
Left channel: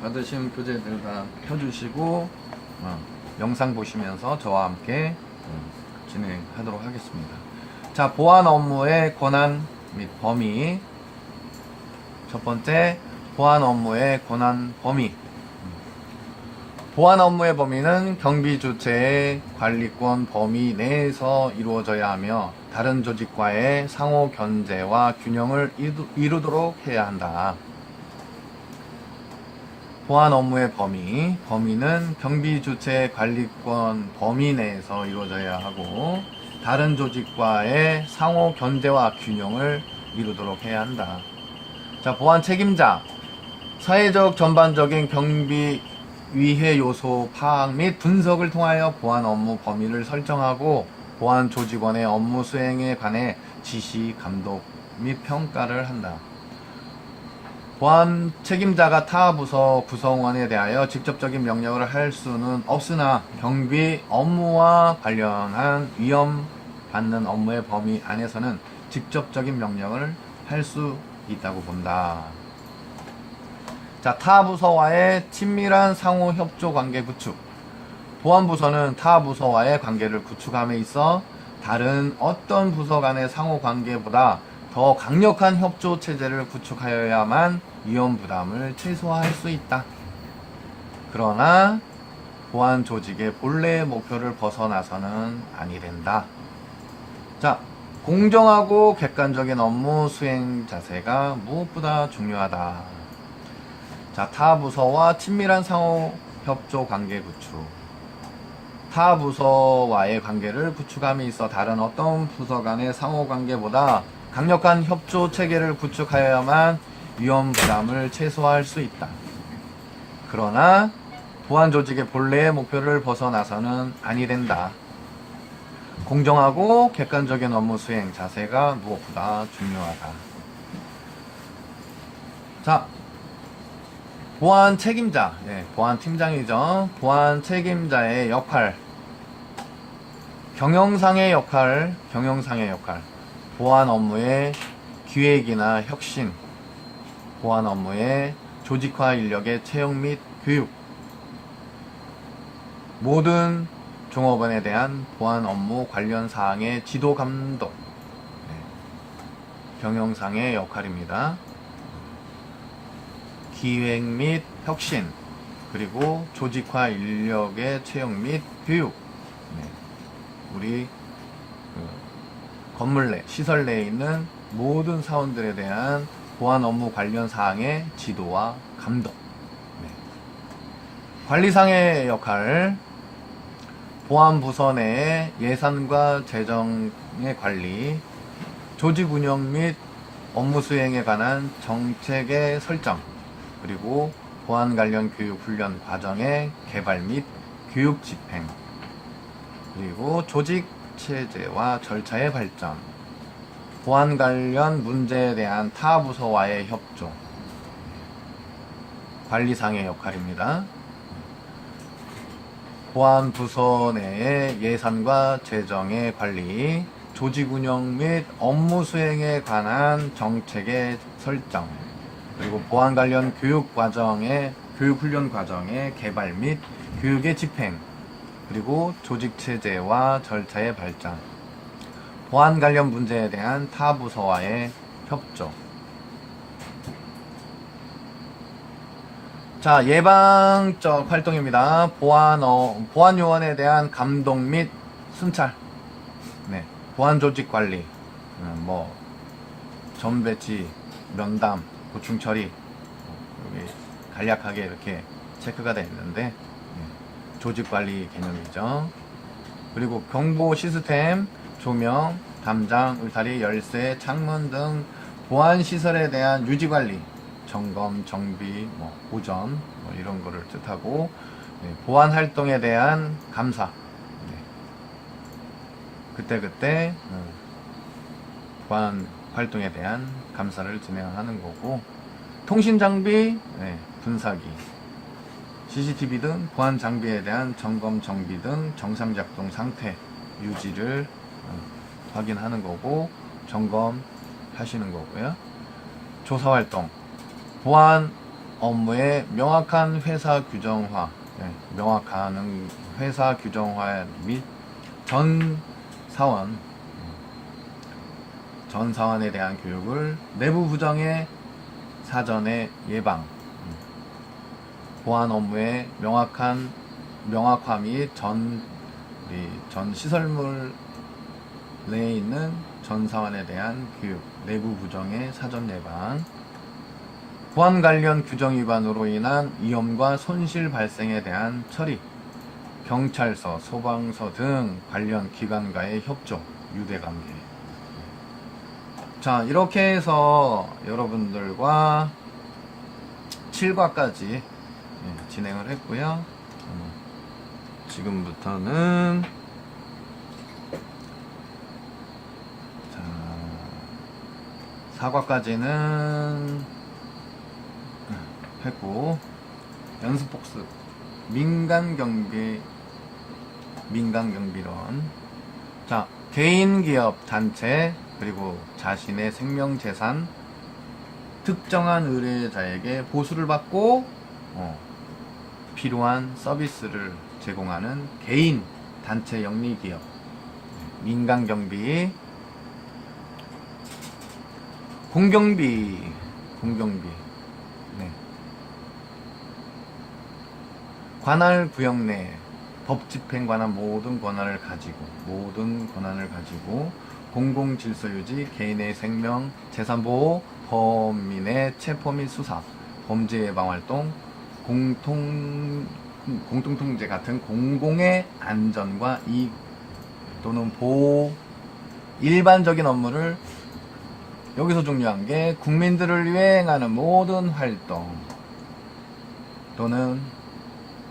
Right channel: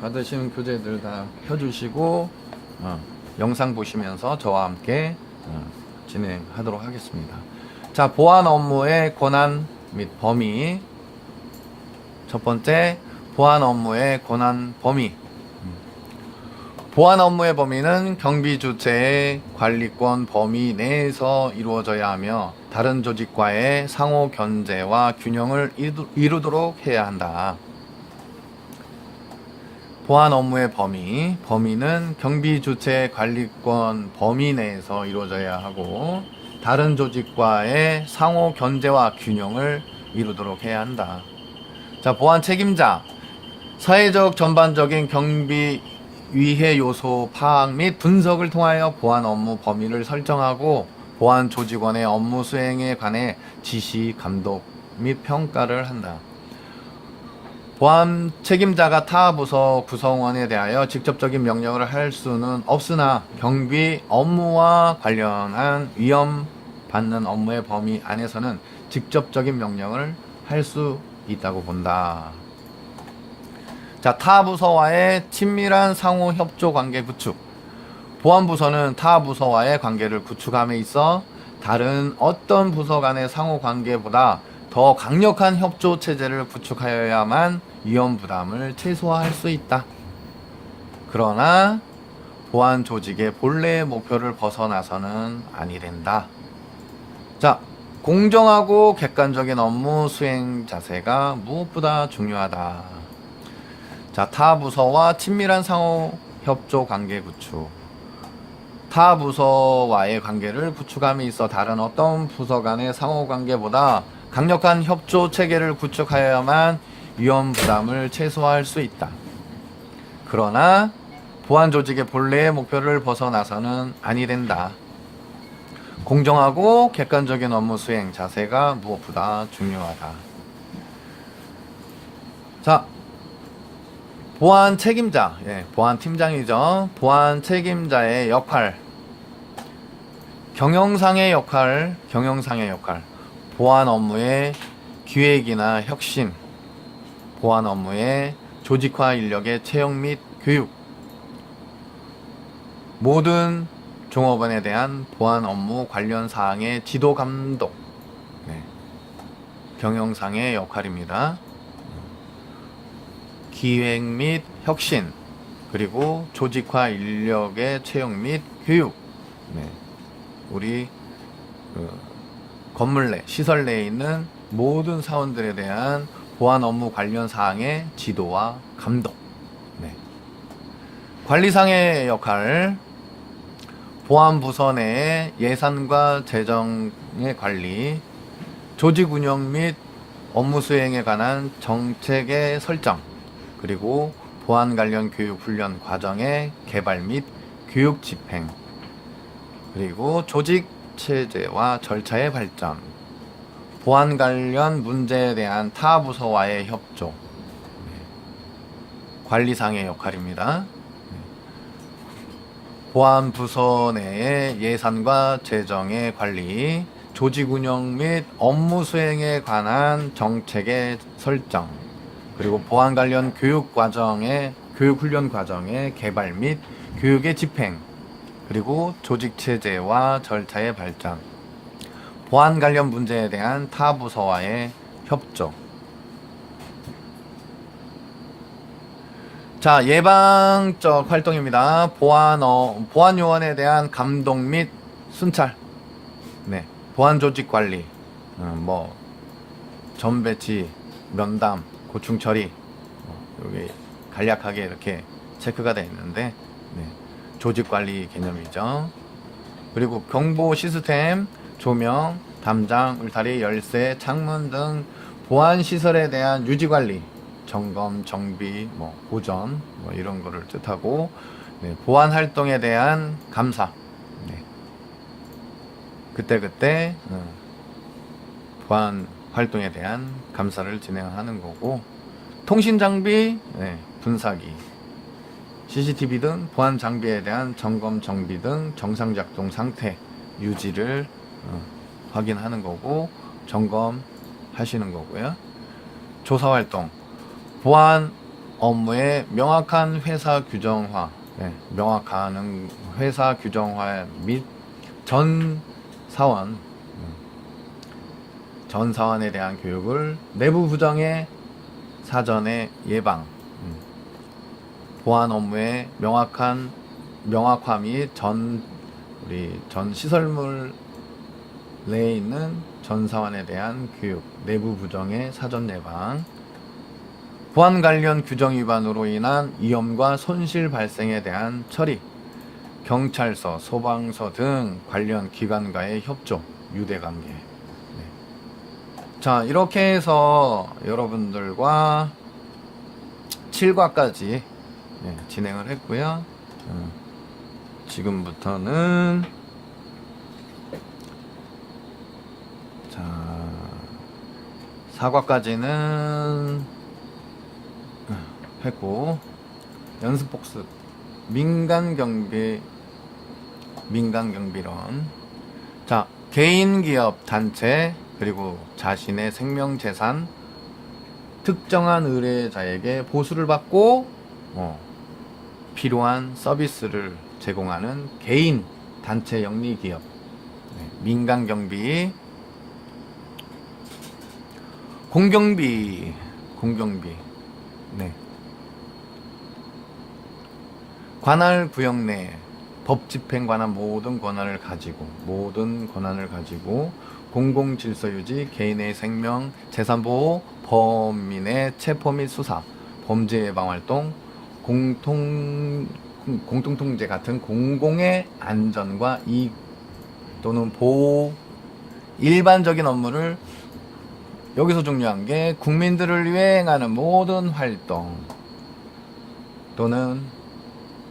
받으신 교재들 다 펴주시고 영상 보시면서 저와 함께 진행하도록 하겠습니다. 자, 보안 업무의 권한 및 범위. 첫 번째, 보안 업무의 권한 범위. 보안 업무의 범위는 경비 주체의 관리권 범위 내에서 이루어져야 하며 다른 조직과의 상호 견제와 균형을 이루도록 해야 한다. 보안 업무의 범위는 경비 주체의 관리권 범위 내에서 이루어져야 하고 다른 조직과의 상호 견제와 균형을 이루도록 해야 한다. 자, 보안 책임자. 사회적 전반적인 경비 위해 요소 파악 및 분석을 통하여 보안 업무 범위를 설정하고 보안 조직원의 업무 수행에 관해 지시, 감독 및 평가를 한다. 보안 책임자가 타 부서 구성원에 대하여 직접적인 명령을 할 수는 없으나 경비 업무와 관련한 위험 받는 업무의 범위 안에서는 직접적인 명령을 할 수 있다고 본다. 자, 타 부서와의 친밀한 상호 협조 관계 구축. 보안부서는 타 부서와의 관계를 구축함에 있어 다른 어떤 부서 간의 상호 관계보다 더 강력한 협조 체제를 구축하여야만 위험 부담을 최소화할 수 있다. 그러나 보안 조직의 본래의 목표를 벗어나서는 아니 된다. 자, 공정하고 객관적인 업무 수행 자세가 무엇보다 중요하다. 자, 타 부서와 친밀한 상호 협조 관계 구축. 타 부서와의 관계를 구축함에 있어 다른 어떤 부서 간의 상호 관계보다 강력한 협조 체계를 구축하여야만 위험 부담을 최소화할 수 있다. 그러나 보안 조직의 본래의 목표를 벗어나서는 아니 된다. 공정하고 객관적인 업무 수행 자세가 무엇보다 중요하다. 자, 보안 책임자, 보안 팀장이죠. 보안 책임자의 역할, 경영상의 역할, 보안 업무의 기획이나 혁신, 보안 업무의 조직화 인력의 채용 및 교육, 모든 종업원에 대한 보안 업무 관련 사항의 지도 감독, 경영상의 역할입니다. 기획 및 혁신, 그리고 조직화 인력의 채용 및 교육. 우리 건물 내, 시설 내에 있는 모든 사원들에 대한 보안 업무 관련 사항의 지도와 감독. 관리상의 역할, 보안 부서 내의 예산과 재정의 관리, 조직 운영 및 업무 수행에 관한 정책의 설정, 그리고 보안 관련 교육 훈련 과정의 개발 및 교육 집행, 그리고 조직 체제와 절차의 발전, 보안 관련 문제에 대한 타 부서와의 협조, 관리상의 역할입니다. 보안 부서 내의 예산과 재정의 관리, 조직 운영 및 업무 수행에 관한 정책의 설정, 그리고 보안 관련 교육 훈련 과정의 개발 및 교육의 집행, 그리고 조직 체제와 절차의 발전, 보안 관련 문제에 대한 타 부서와의 협조. 자, 예방적 활동입니다. 보안 요원에 대한 감독 및 순찰, 보안 조직 관리, 전 배치, 면담, 고충 처리, 여기 간략하게 이렇게 체크가 되어 있는데, 조직 관리 개념이죠. 그리고 경보 시스템, 조명, 담장, 울타리, 열쇠, 창문 등 보안 시설에 대한 유지 관리, 점검, 정비, 보점, 이런 거를 뜻하고, 보안 활동에 대한 감사, 그때 보안 활동에 대한 감사를 진행하는 거고, 통신 장비, 분사기, CCTV 등 보안 장비에 대한 점검, 정비 등 정상 작동 상태 유지를 확인하는 거고, 점검하시는 거고요. 조사 활동, 보안 업무의 명확한 회사 규정화, 명확한 회사 규정화 및 전 사원에 대한 교육을 내부 부정의 사전에 예방, 보안 업무의 명확화 및 전 시설물 내에 있는 전 사원에 대한 교육, 내부 부정의 사전 예방, 보안 관련 규정 위반으로 인한 위험과 손실 발생에 대한 처리, 경찰서, 소방서 등 관련 기관과의 협조, 유대관계. 자, 이렇게 해서 여러분들과 7과까지 진행을 했고요. 지금부터는 4과까지는 연습했고, 연습 복습. 민간경비론. 자, 개인, 기업, 단체, 그리고 자신의 생명재산, 특정한 의뢰자에게 보수를 받고 필요한 서비스를 제공하는 개인, 단체, 영리기업, 민간경비, 공경비, 네. 관할 구역 내 법 집행 관한 모든 권한을 가지고 공공질서 유지, 개인의 생명, 재산 보호, 범인의 체포 및 수사, 범죄 예방 활동, 공통통제 같은 공공의 안전과 이익 또는 보호, 일반적인 업무를, 여기서 중요한 게 국민들을 위해 행하는 모든 활동 또는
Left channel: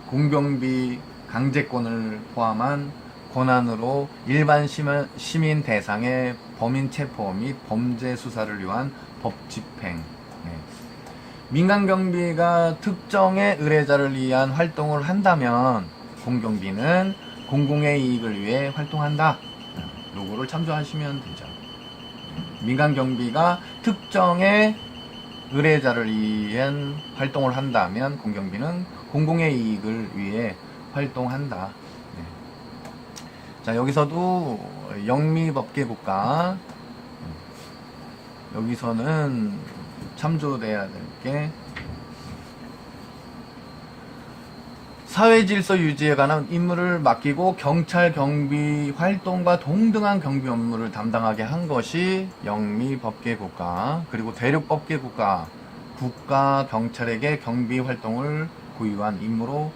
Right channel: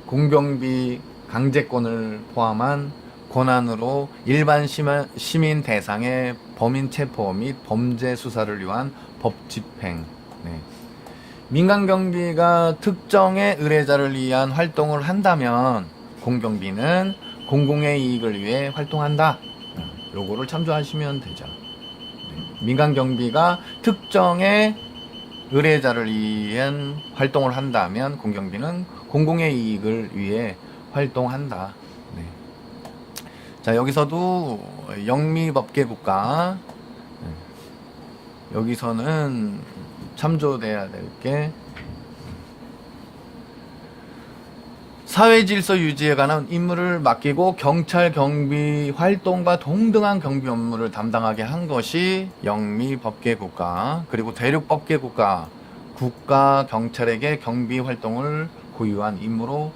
공경비 강제권을 포함한 권한으로 일반 시민 대상의 범인 체포 및 범죄 수사를 위한 법 집행. 네. 민간경비가 특정의 의뢰자를 위한 활동을 한다면 공경비는 공공의 이익을 위해 활동한다. 요거를 참조하시면 되죠. 민간경비가 특정의 의뢰자를 위한 활동을 한다면 공경비는 공공의 이익을 위해 활동한다. 네. 자, 여기서도 영미법계국가, 여기서는 참조돼야 될 게 사회질서 유지에 관한 임무를 맡기고 경찰 경비 활동과 동등한 경비 업무를 담당하게 한 것이 영미법계국가, 그리고 대륙법계국가, 국가 경찰에게 경비 활동을 고유한 임무로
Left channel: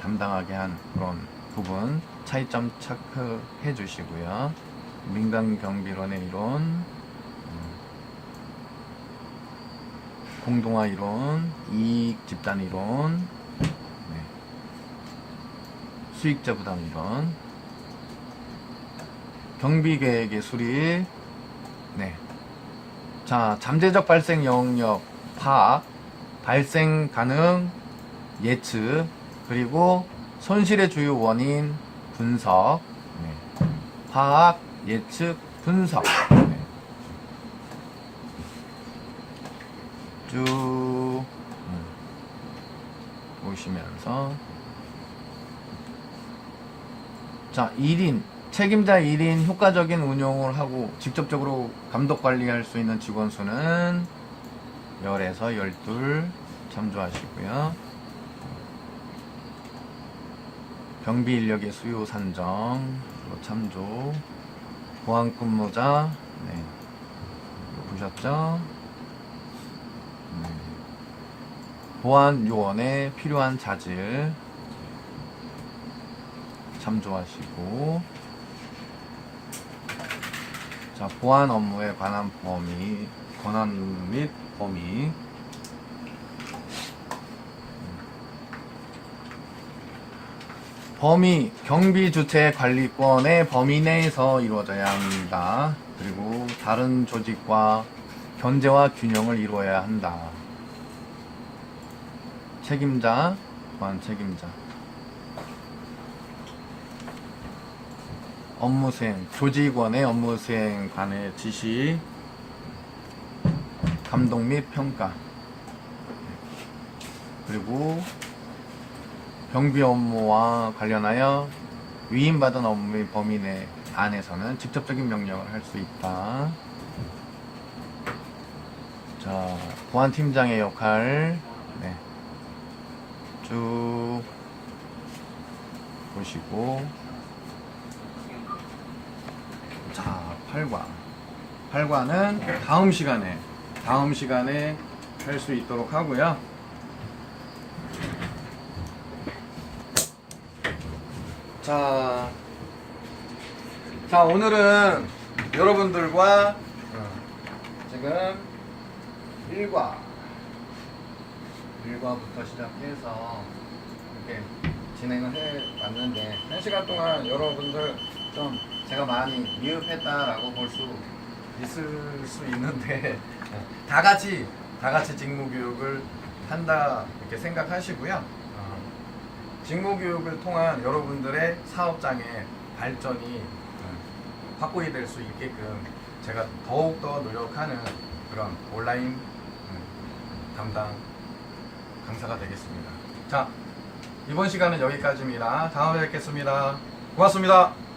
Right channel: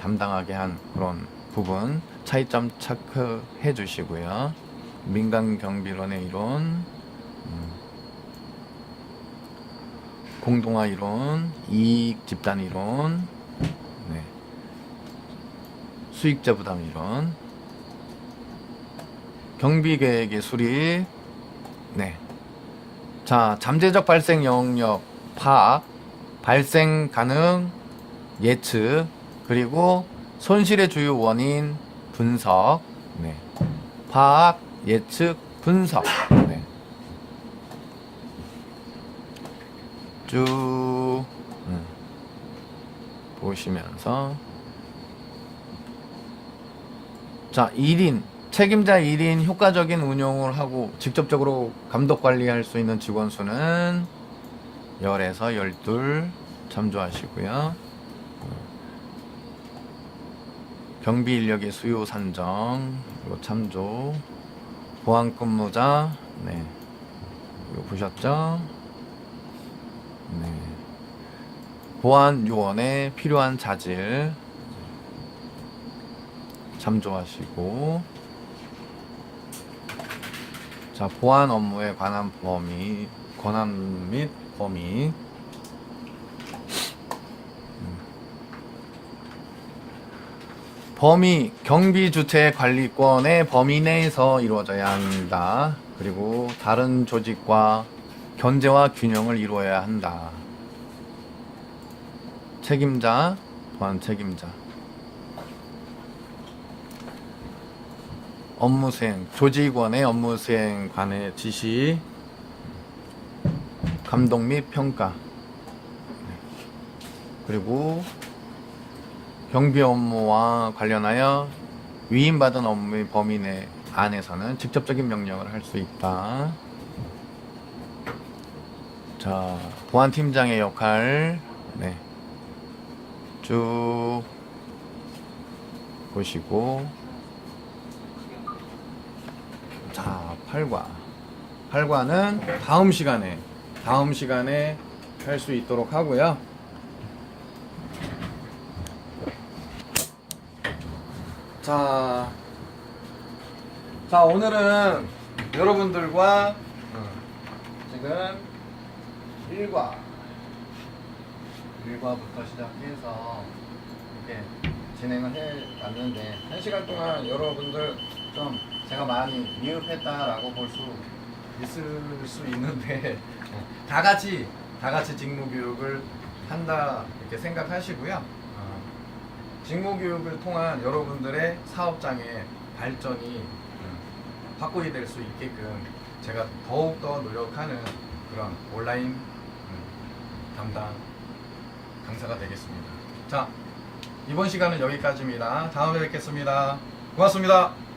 담당하게 한 그런 부분 차이점 체크해 주시고요. 민간경비론의 이론, 공동화 이론, 이익 집단 이론, 수익자 부담 이론, 경비계획의 수립, 자, 잠재적 발생 영역 파악, 발생 가능 예측, 그리고 손실의 주요 원인 분석, 파악, 예측, 분석, 쭉 보시면서, 자, 1인, 책임자 1인 효과적인 운용을 하고 직접적으로 감독 관리할 수 있는 직원 수는 10에서 12 참조하시고요. 경비 인력의 수요 산정, 이거 참조. 보안 근무자, 이거 보셨죠? 보안 요원에 필요한 자질 참조하시고, 자, 보안 업무에 관한 범위, 권한 및 범위, 범위, 경비 주체 관리권의 범위 내에서 이루어져야 한다. 그리고 다른 조직과 견제와 균형을 이루어야 한다. 책임자, 보안 책임자. 업무 수행, 조직원의 업무 수행 관의 지시, 감독 및 평가, 그리고 경비 업무와 관련하여 위임받은 업무의 범위 내 안에서는 직접적인 명령을 할 수 있다. 자, 보안팀장의 역할, 쭉 보시고, 자, 8과는 다음 시간에 할 수 있도록 하고요. 자, 오늘은 여러분들과 지금 1과부터 시작해서 이렇게 진행을 해 왔는데, 1시간 동안 여러분들 좀 제가 많이 미흡했다라고 볼 수 있을 수 있는데, 다 같이 직무 교육을 한다 이렇게 생각하시고요. 직무교육을 통한 여러분들의 사업장의 발전이 확고히 될 수 있게끔 제가 더욱더 노력하는 그런 온라인 담당 강사가 되겠습니다. 자, 이번 시간은 여기까지입니다. 다음에 뵙겠습니다. 고맙습니다.